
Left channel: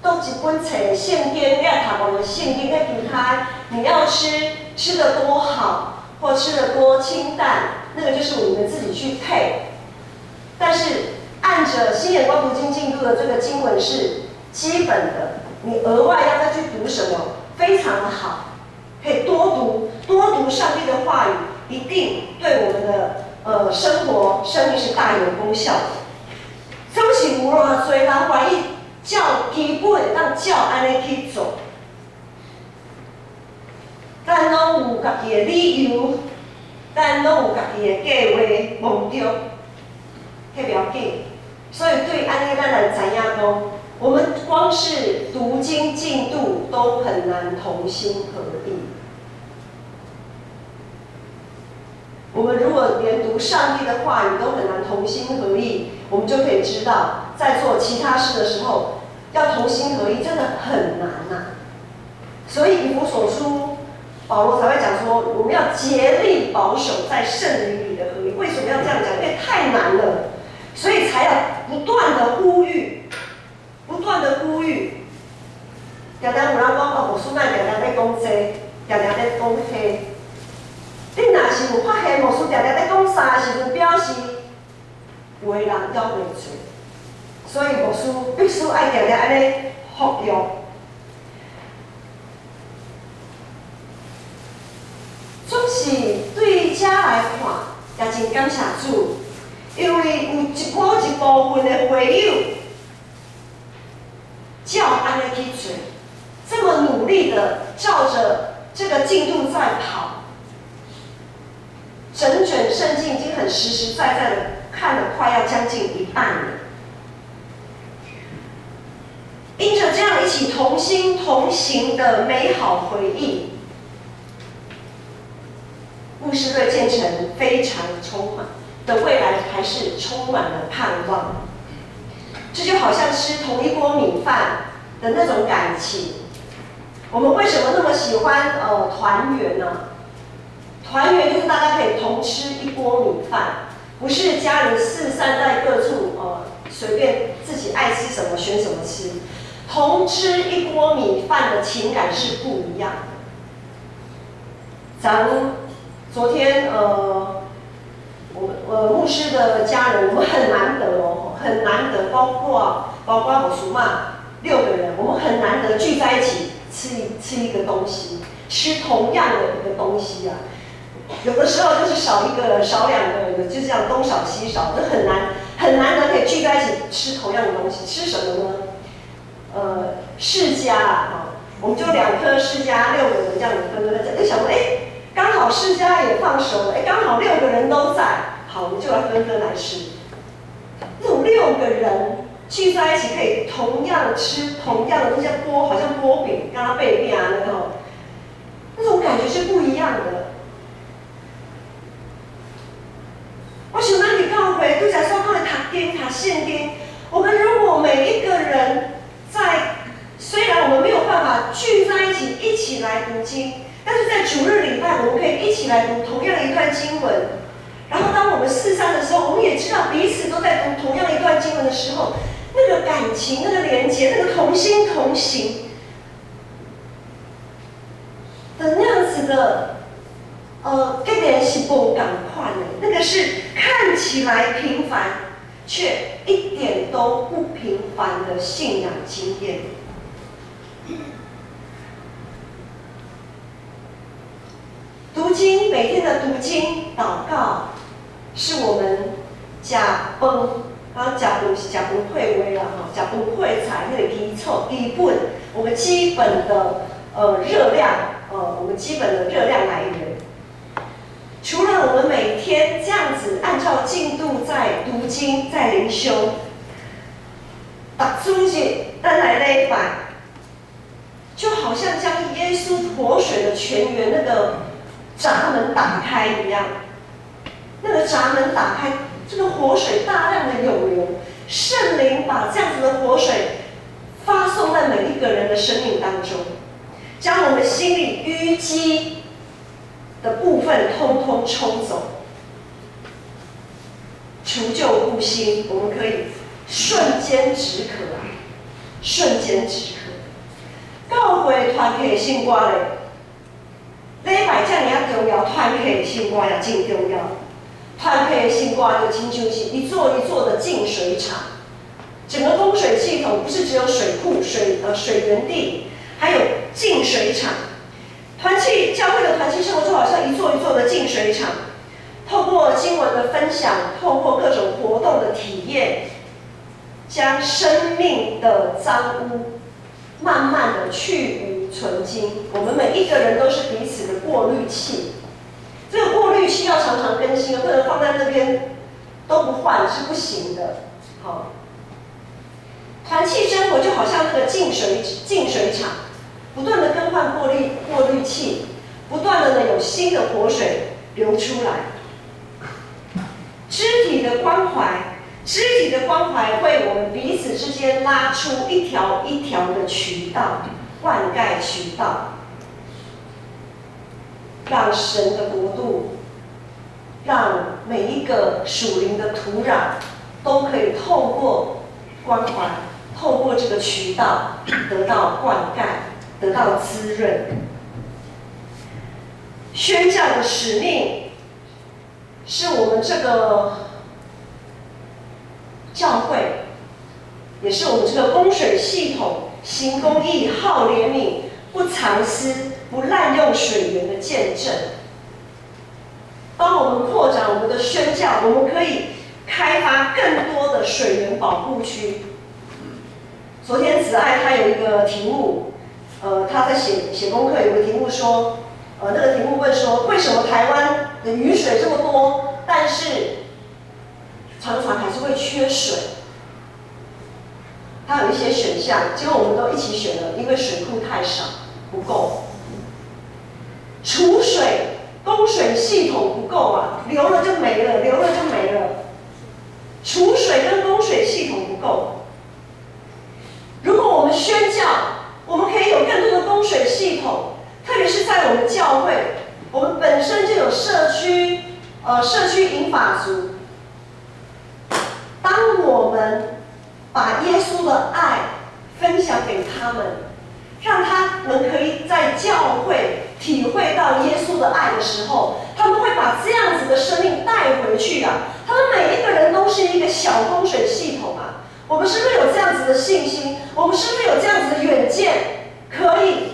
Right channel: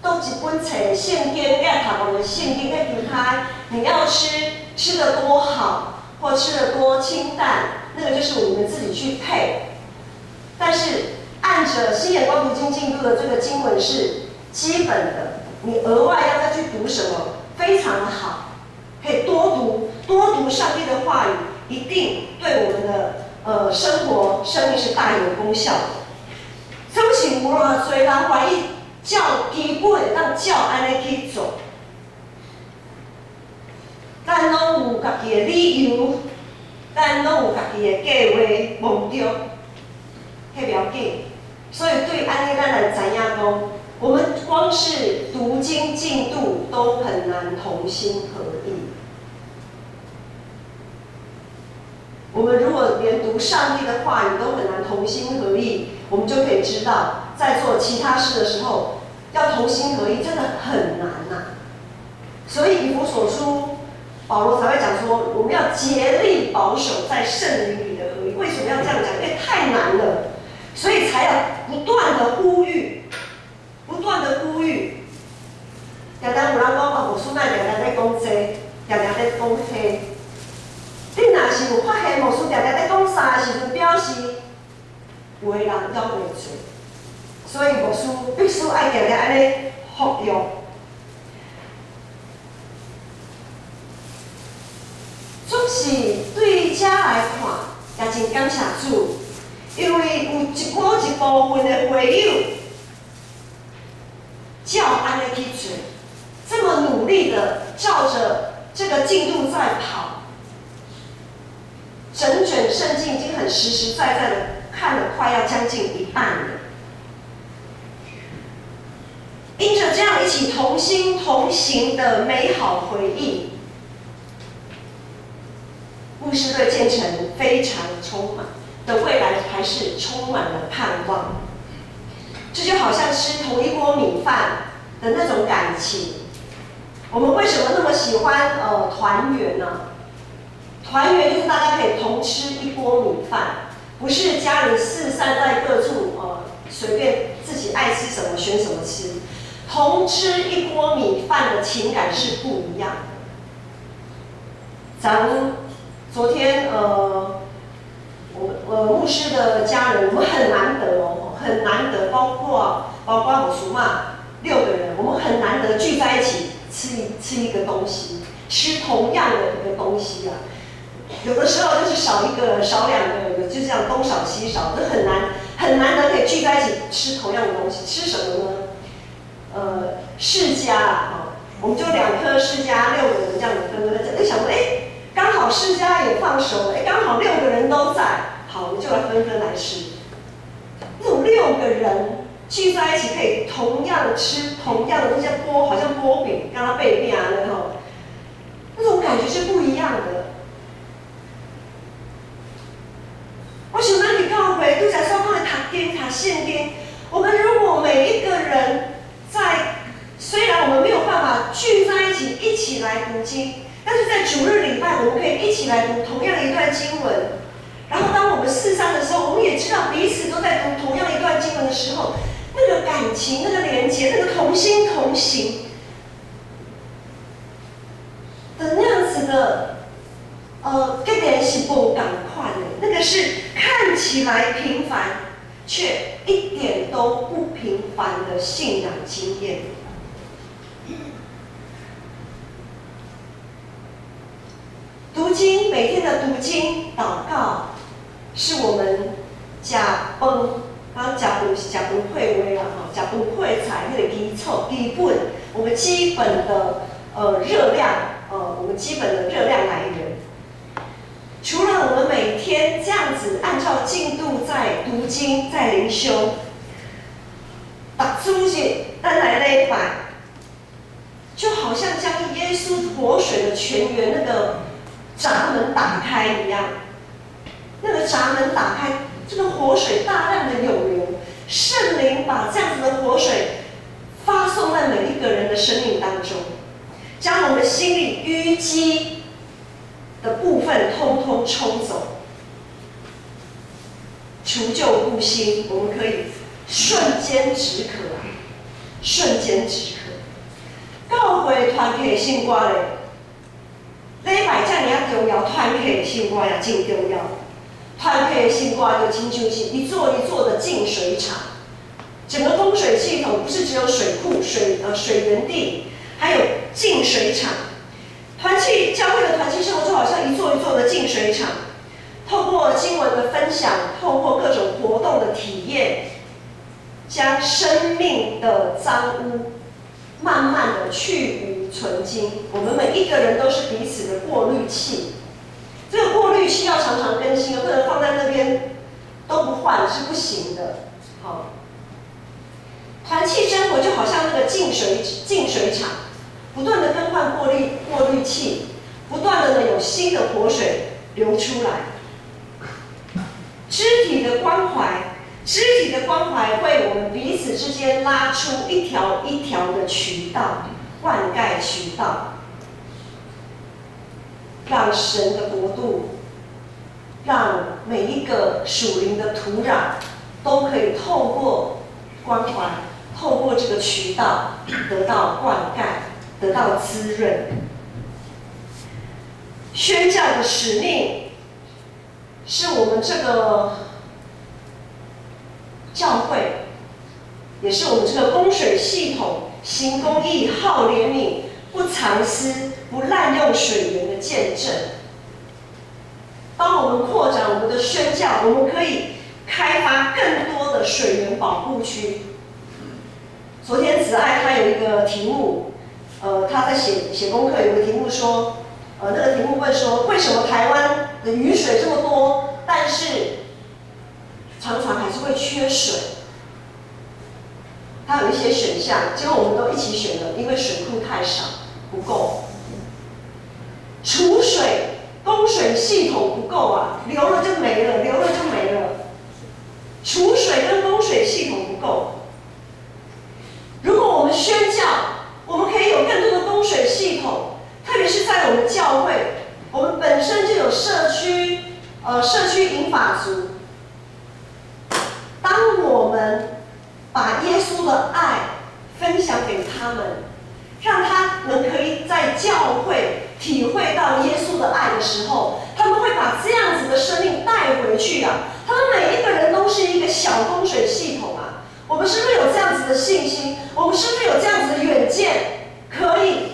倒一本册圣经，你爱读无个圣经，在其他你要吃得多好，或吃得多清淡，那个就是你们自己去配。但是按着新眼光读经进度的这个经文是基本的，你额外要再去读什么，非常的好，可以多读上帝的话语，一定对我们的生活、生命是大有功效的。总是有偌侪人愿意照基本当照安尼去做，咱拢有家己的理由，咱拢有家己的计划目标。迄了解，所以对安尼咱来知影讲，我们光是读经进度都很难同心合意。我们如果连读上帝的话语都很难同心合意，我们就可以知道，在做其他事的时候，要同心合意真的很难呐。所以以弗所书，保罗才会讲说，我们要竭力保守在圣灵里的合一。为什么要这样讲？因为太难了。所以才要不断的呼吁，常常有人讲牧师咱常常在讲这，常常在讲迄。你若是有发现牧师常常在讲啥的时阵，表示有的人了袂做，所以牧师必须爱常常安尼服用。总是对遮来看，也真感谢主。因为有一部分的会友，照安尼去做，这么努力的在跑。整卷圣经已经很实实在在的看了，快要将近一半了。因着这样一起同心同行的美好回忆，牧师对建成非常充满的未来还是充满了盼望。这就好像吃同一锅米饭的那种感情。我们为什么那么喜欢团圆呢？团圆就是大家可以同吃一锅米饭，不是家人四散在各处随便自己爱吃什么选什么吃。同吃一锅米饭的情感是不一样的。咱们昨天牧师的家人，我们很难得很难得，包括我叔妈6个人，我们很难得聚在一起吃一个东西，吃同样的一个东西啊。有的时候就是少一个少2个，就这样东少西少，这很难得可以聚在一起吃同样的东西。吃什么呢？释迦我们就2颗释迦，6个人这样子分在讲，就想说，刚好释迦也放熟了，刚好6个人都在，好，我们就来分来吃。那种6个人聚在一起，可以同样吃同样的东西，好像剥饼，刚刚背面那种感觉是不一样的。我想咱去教会，拄则说讲的读经、读圣经，我们如果每一个人虽然我们没有办法聚在一起一起来读经，但是在主日礼拜，我们可以一起来读同样的一段经文。然后当我们四散的时候，我们也知道彼此都在读同样一段经文的时候，那个感情、那个连结、那个同心同行的那样子的，跟人是不赶快的，那个是看起来平凡，却一点都不平凡的信仰经验。读经，每天的读经、祷告，是我们吃饭，刚刚吃饭是吃饭配话啦，吃饭配菜那个基本，我们基本的热量，我们基本的热量来源。除了我们每天这样子按照进度在读经、在灵修，逐主日咱来礼拜，就好像将耶稣活水的泉源那个闸门打开一样，那个闸门打开，这个活水大量的涌流，圣灵把这样子的活水发送在每一个人的生命当中，将我们心里淤积的部分通通冲走，除旧布新，我们可以瞬间止渴啊，瞬间止渴。教会团体的生活咧，礼拜这尔重要，团体的生活也真重要。团体的生活就亲像是一座一座的净水厂，整个供水系统不是只有水库、水源地，还有净水厂。教会的团契生活就好像一座一座的净水厂，透过经文的分享，透过各种活动的体验，将生命的脏污慢慢的去污纯净。我们每一个人都是彼此的过滤器，这个过滤器要常常更新，不能放在那边都不换是不行的。好，团契生活就好像那个净水厂，不断的更换过滤器，不断的有新的活水流出来。肢体的关怀为我们彼此之间拉出一条一条的渠道，灌溉渠道，让神的国度，让每一个属灵的土壤都可以透过关怀，透过这个渠道得到灌溉，得到滋润。宣教的使命是我们这个教会，也是我们这个供水系统行公义、好怜悯、不藏私、不滥用水源的见证。当我们扩展我们的宣教，我们可以开发更多的水源保护区。昨天子爱他有一个题目，他在写功课，有个题目说，那个题目问说，为什么台湾的雨水这么多，但是常常还是会缺水？它有一些选项，结果我们都一起选了，因为水库太少，不够。储水供水系统不够啊，流了就没了，流了就没了。储水跟供水系统不够。如果我们宣教，我们可以有更多的供水系统，特别是在我们教会，我们本身就有社区银发族。当我们把耶稣的爱分享给他们，让他们可以在教会体会到耶稣的爱的时候，他们会把这样子的生命带回去啊！他们每一个人都是一个小供水系统啊！我们是不是有这样子的信心？我们是不是有这样子的远见，可以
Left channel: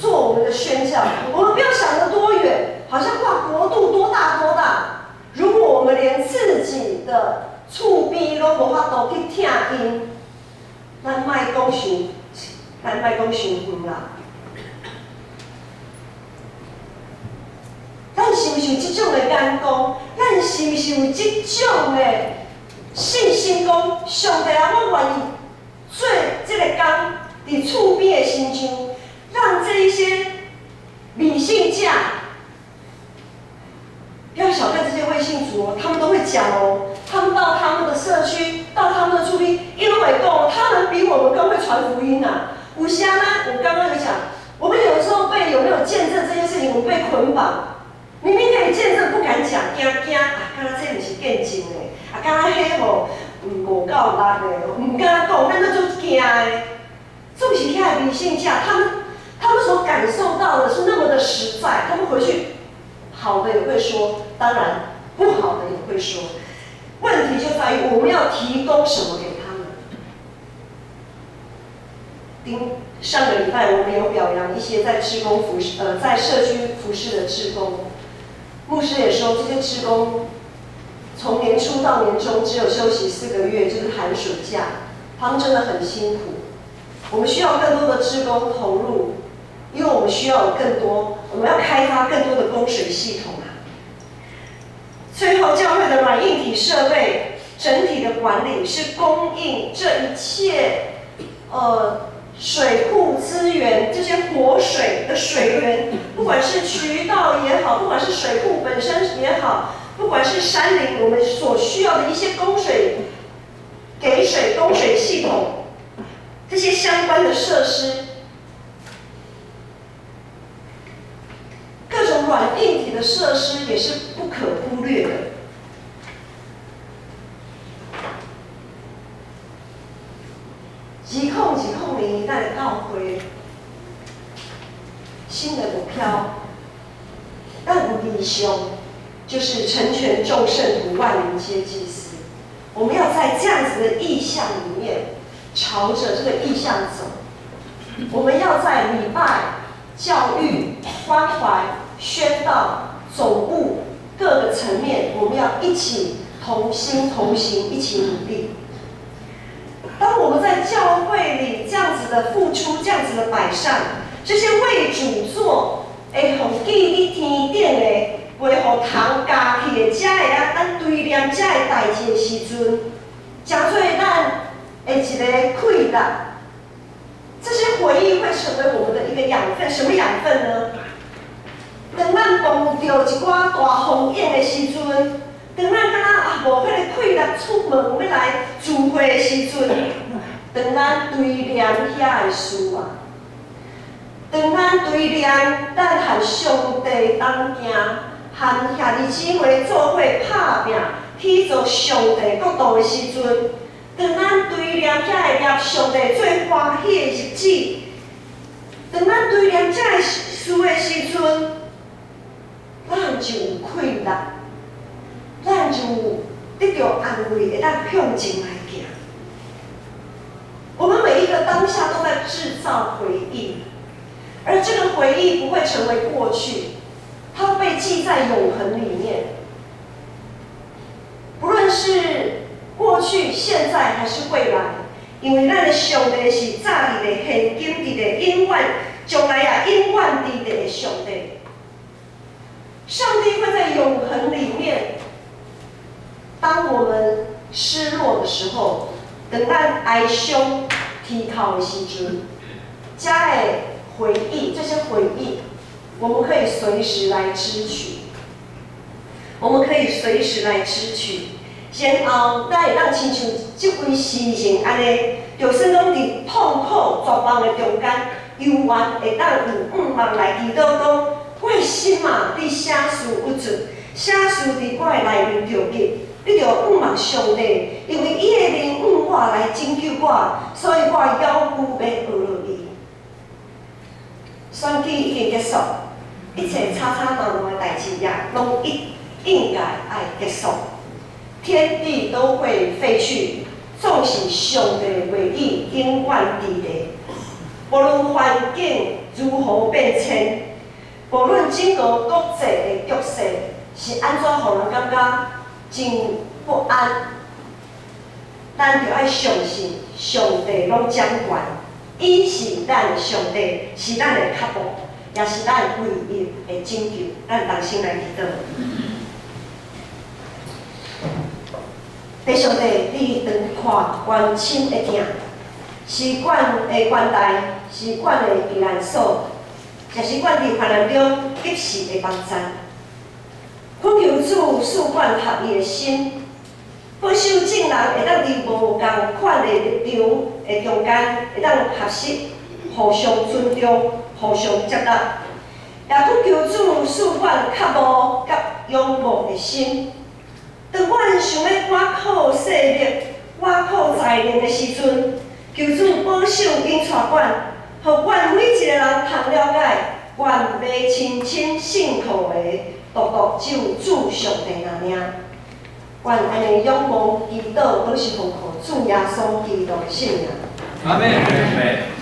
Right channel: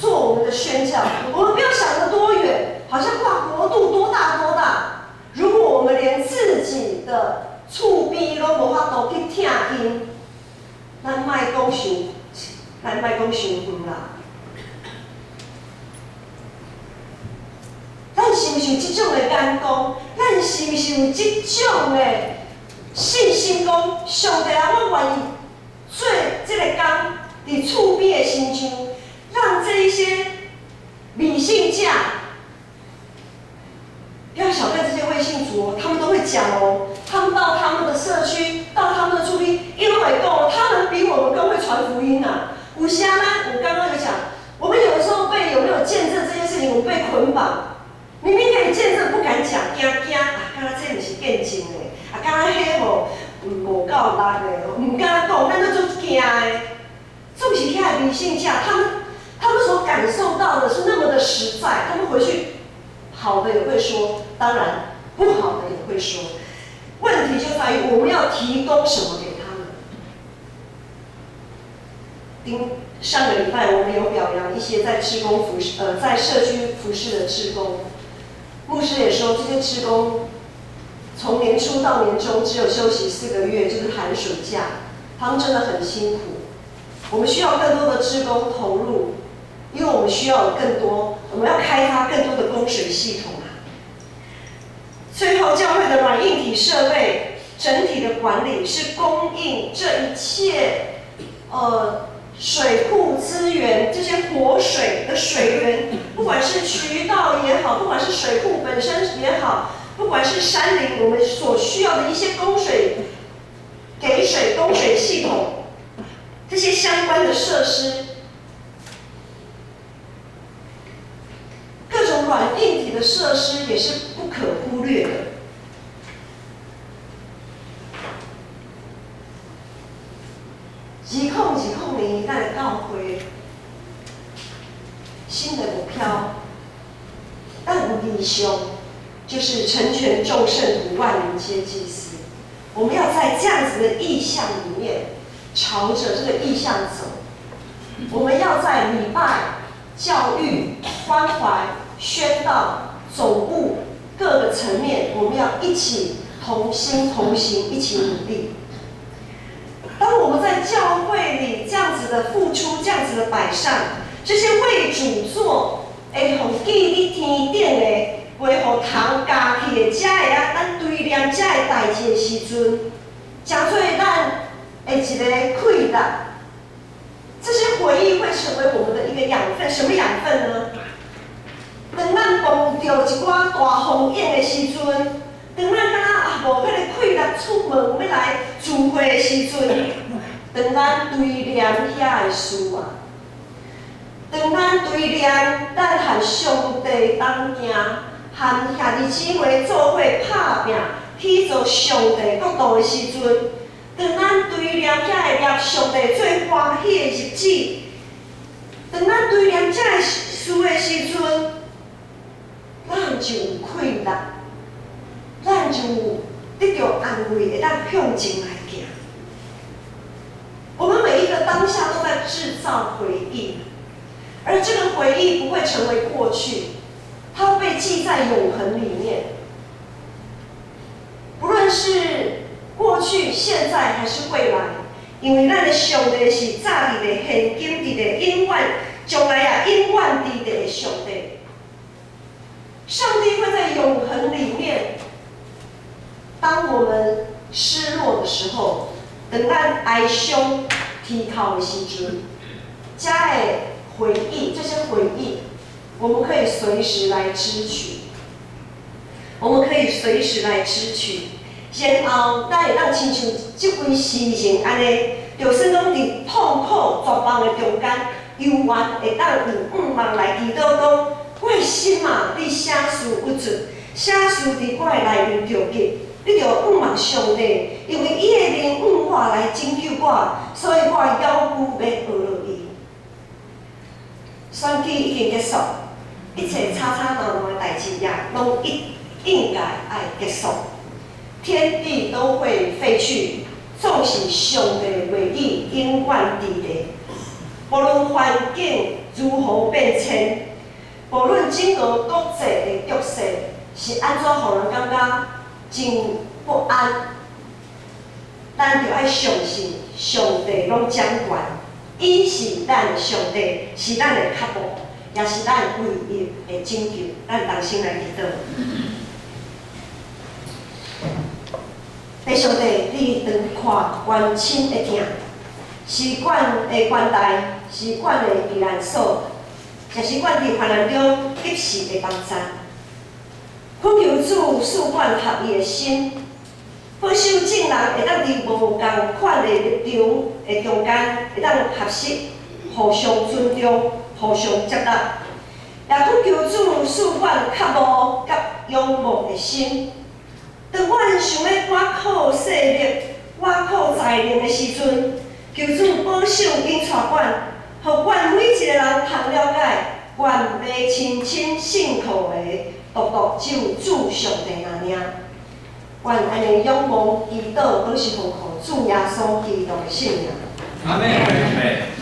做我们的宣教？我们不要想得多远，好像哇国度多大多大。如果我们连自己的厝边都无法度去听因，咱莫讲伤远啦。咱是不是有这种的眼光？咱是不是有这种的信心？讲上帝啊，我愿意做这个工，伫厝边的亲像，让这一些理性家，不要小看这些微信族哦，他们都会讲哦。他们到他们的社区，到他们的厝边，因为讲他们比我们更会传福音啊。有些呢，我刚刚有讲，我们有时候有没有见证这件事情？我们被捆绑。明明可以见证，不敢讲，惊啊！敢若这不是见证的，敢若迄无够力的，唔敢讲，咱都做惊的。这不是遐理性家，他们所感受到的是那么的实在，他们回去好的也会说，当然不好的也会说。问题就在于我们要提供什么给他们。上个礼拜我们有表扬一些在志工服侍，在社区服侍的志工。牧师也说，这些志工从年初到年终只有休息4个月，就是寒暑假，他们真的很辛苦。我们需要更多的志工投入，因为我们需要有更多，我们要开发更多的供水系统啊。最后，教会的软硬体设备整体的管理是供应这一切，水库资源，这些活水的水源，不管是渠道也好，不管是水库本身也好，不管是山林，我们所需要的一些供水、供水系统，这些相关的设施，各种软硬体的设施也是不可忽略的。2020咱的教会新的目标，咱有理想，就是成全众圣徒，万民皆祭司。我们要在这样子的意向里面，朝着这个意向走。我们要在礼拜、教育、关怀、宣道、总务各个层面，我们要一起同心同行，一起努力。当我们在教会里这样子的付出，这样子的摆上，这些为主做，会互记伫天顶的，袂互通加去的，遮会咱堆念遮的代志的时阵，诚做咱的一个快乐。这些回忆会成为我们的一个养分，什么养分呢？当咱碰到一寡大风影的时阵。当咱敢若无迄个快乐出门要来聚会的时阵，当咱堆念遐的事啊，当咱堆念咱和上帝同行，和兄弟姊妹做伙拍拼，去做上帝国度的时阵，当咱堆念遐个业上帝最欢喜的日子，当咱堆念这个事的时阵，咱就有快乐。咱就得到安慰，会当向前来行。我们每一个当下都在制造回忆，而这个回忆不会成为过去，它会被记在永恒里面。不论是过去、现在还是未来，因为咱的上帝是早伫的、现今伫的、永远将来也永远伫的上帝。上帝会在永恒里面，当我们失落的时候，等咱哀伤啼哭的时阵，这的回忆，这些回忆，我们可以随时来支取。我们可以随时来支取，然后咱会当亲像这位诗人安尼，就算讲伫痛苦绝望的中间，犹原会当有望来祈祷讲，我的心啊，你写词不准，写词伫我的内面着急，你着望上帝，因为伊的灵我来拯救我，所以我要求要学落伊。选举已经结束，一切吵吵闹闹的代志也拢应该爱结束，天地都会废去，总是上帝的话语永远伫咧。无论环境如何变迁，无论整个国际的局势是安怎，互人感觉真不安，咱就爱相信上帝拢掌管，伊是咱的上帝，是咱的脚步，也是咱唯一的拯救。咱同心来祈祷。弟兄弟，你常看关心的疼，是管的关带，是管的避难所，也是管伫患难中及时的帮助。恳求主赐管合伊的心，保守众人会当伫无共款的立场的中间，会当合适，互相尊重，互相接纳。也恳求主赐管较无甲仰慕的心。当阮想要挖苦势力、挖苦才能的时阵，求主保守因带阮，互阮每一个人通了解，阮要亲亲信靠的，独独只有主上帝那领。阮安尼仰望祈祷，都是奉靠主耶稣基督的圣名。阿门。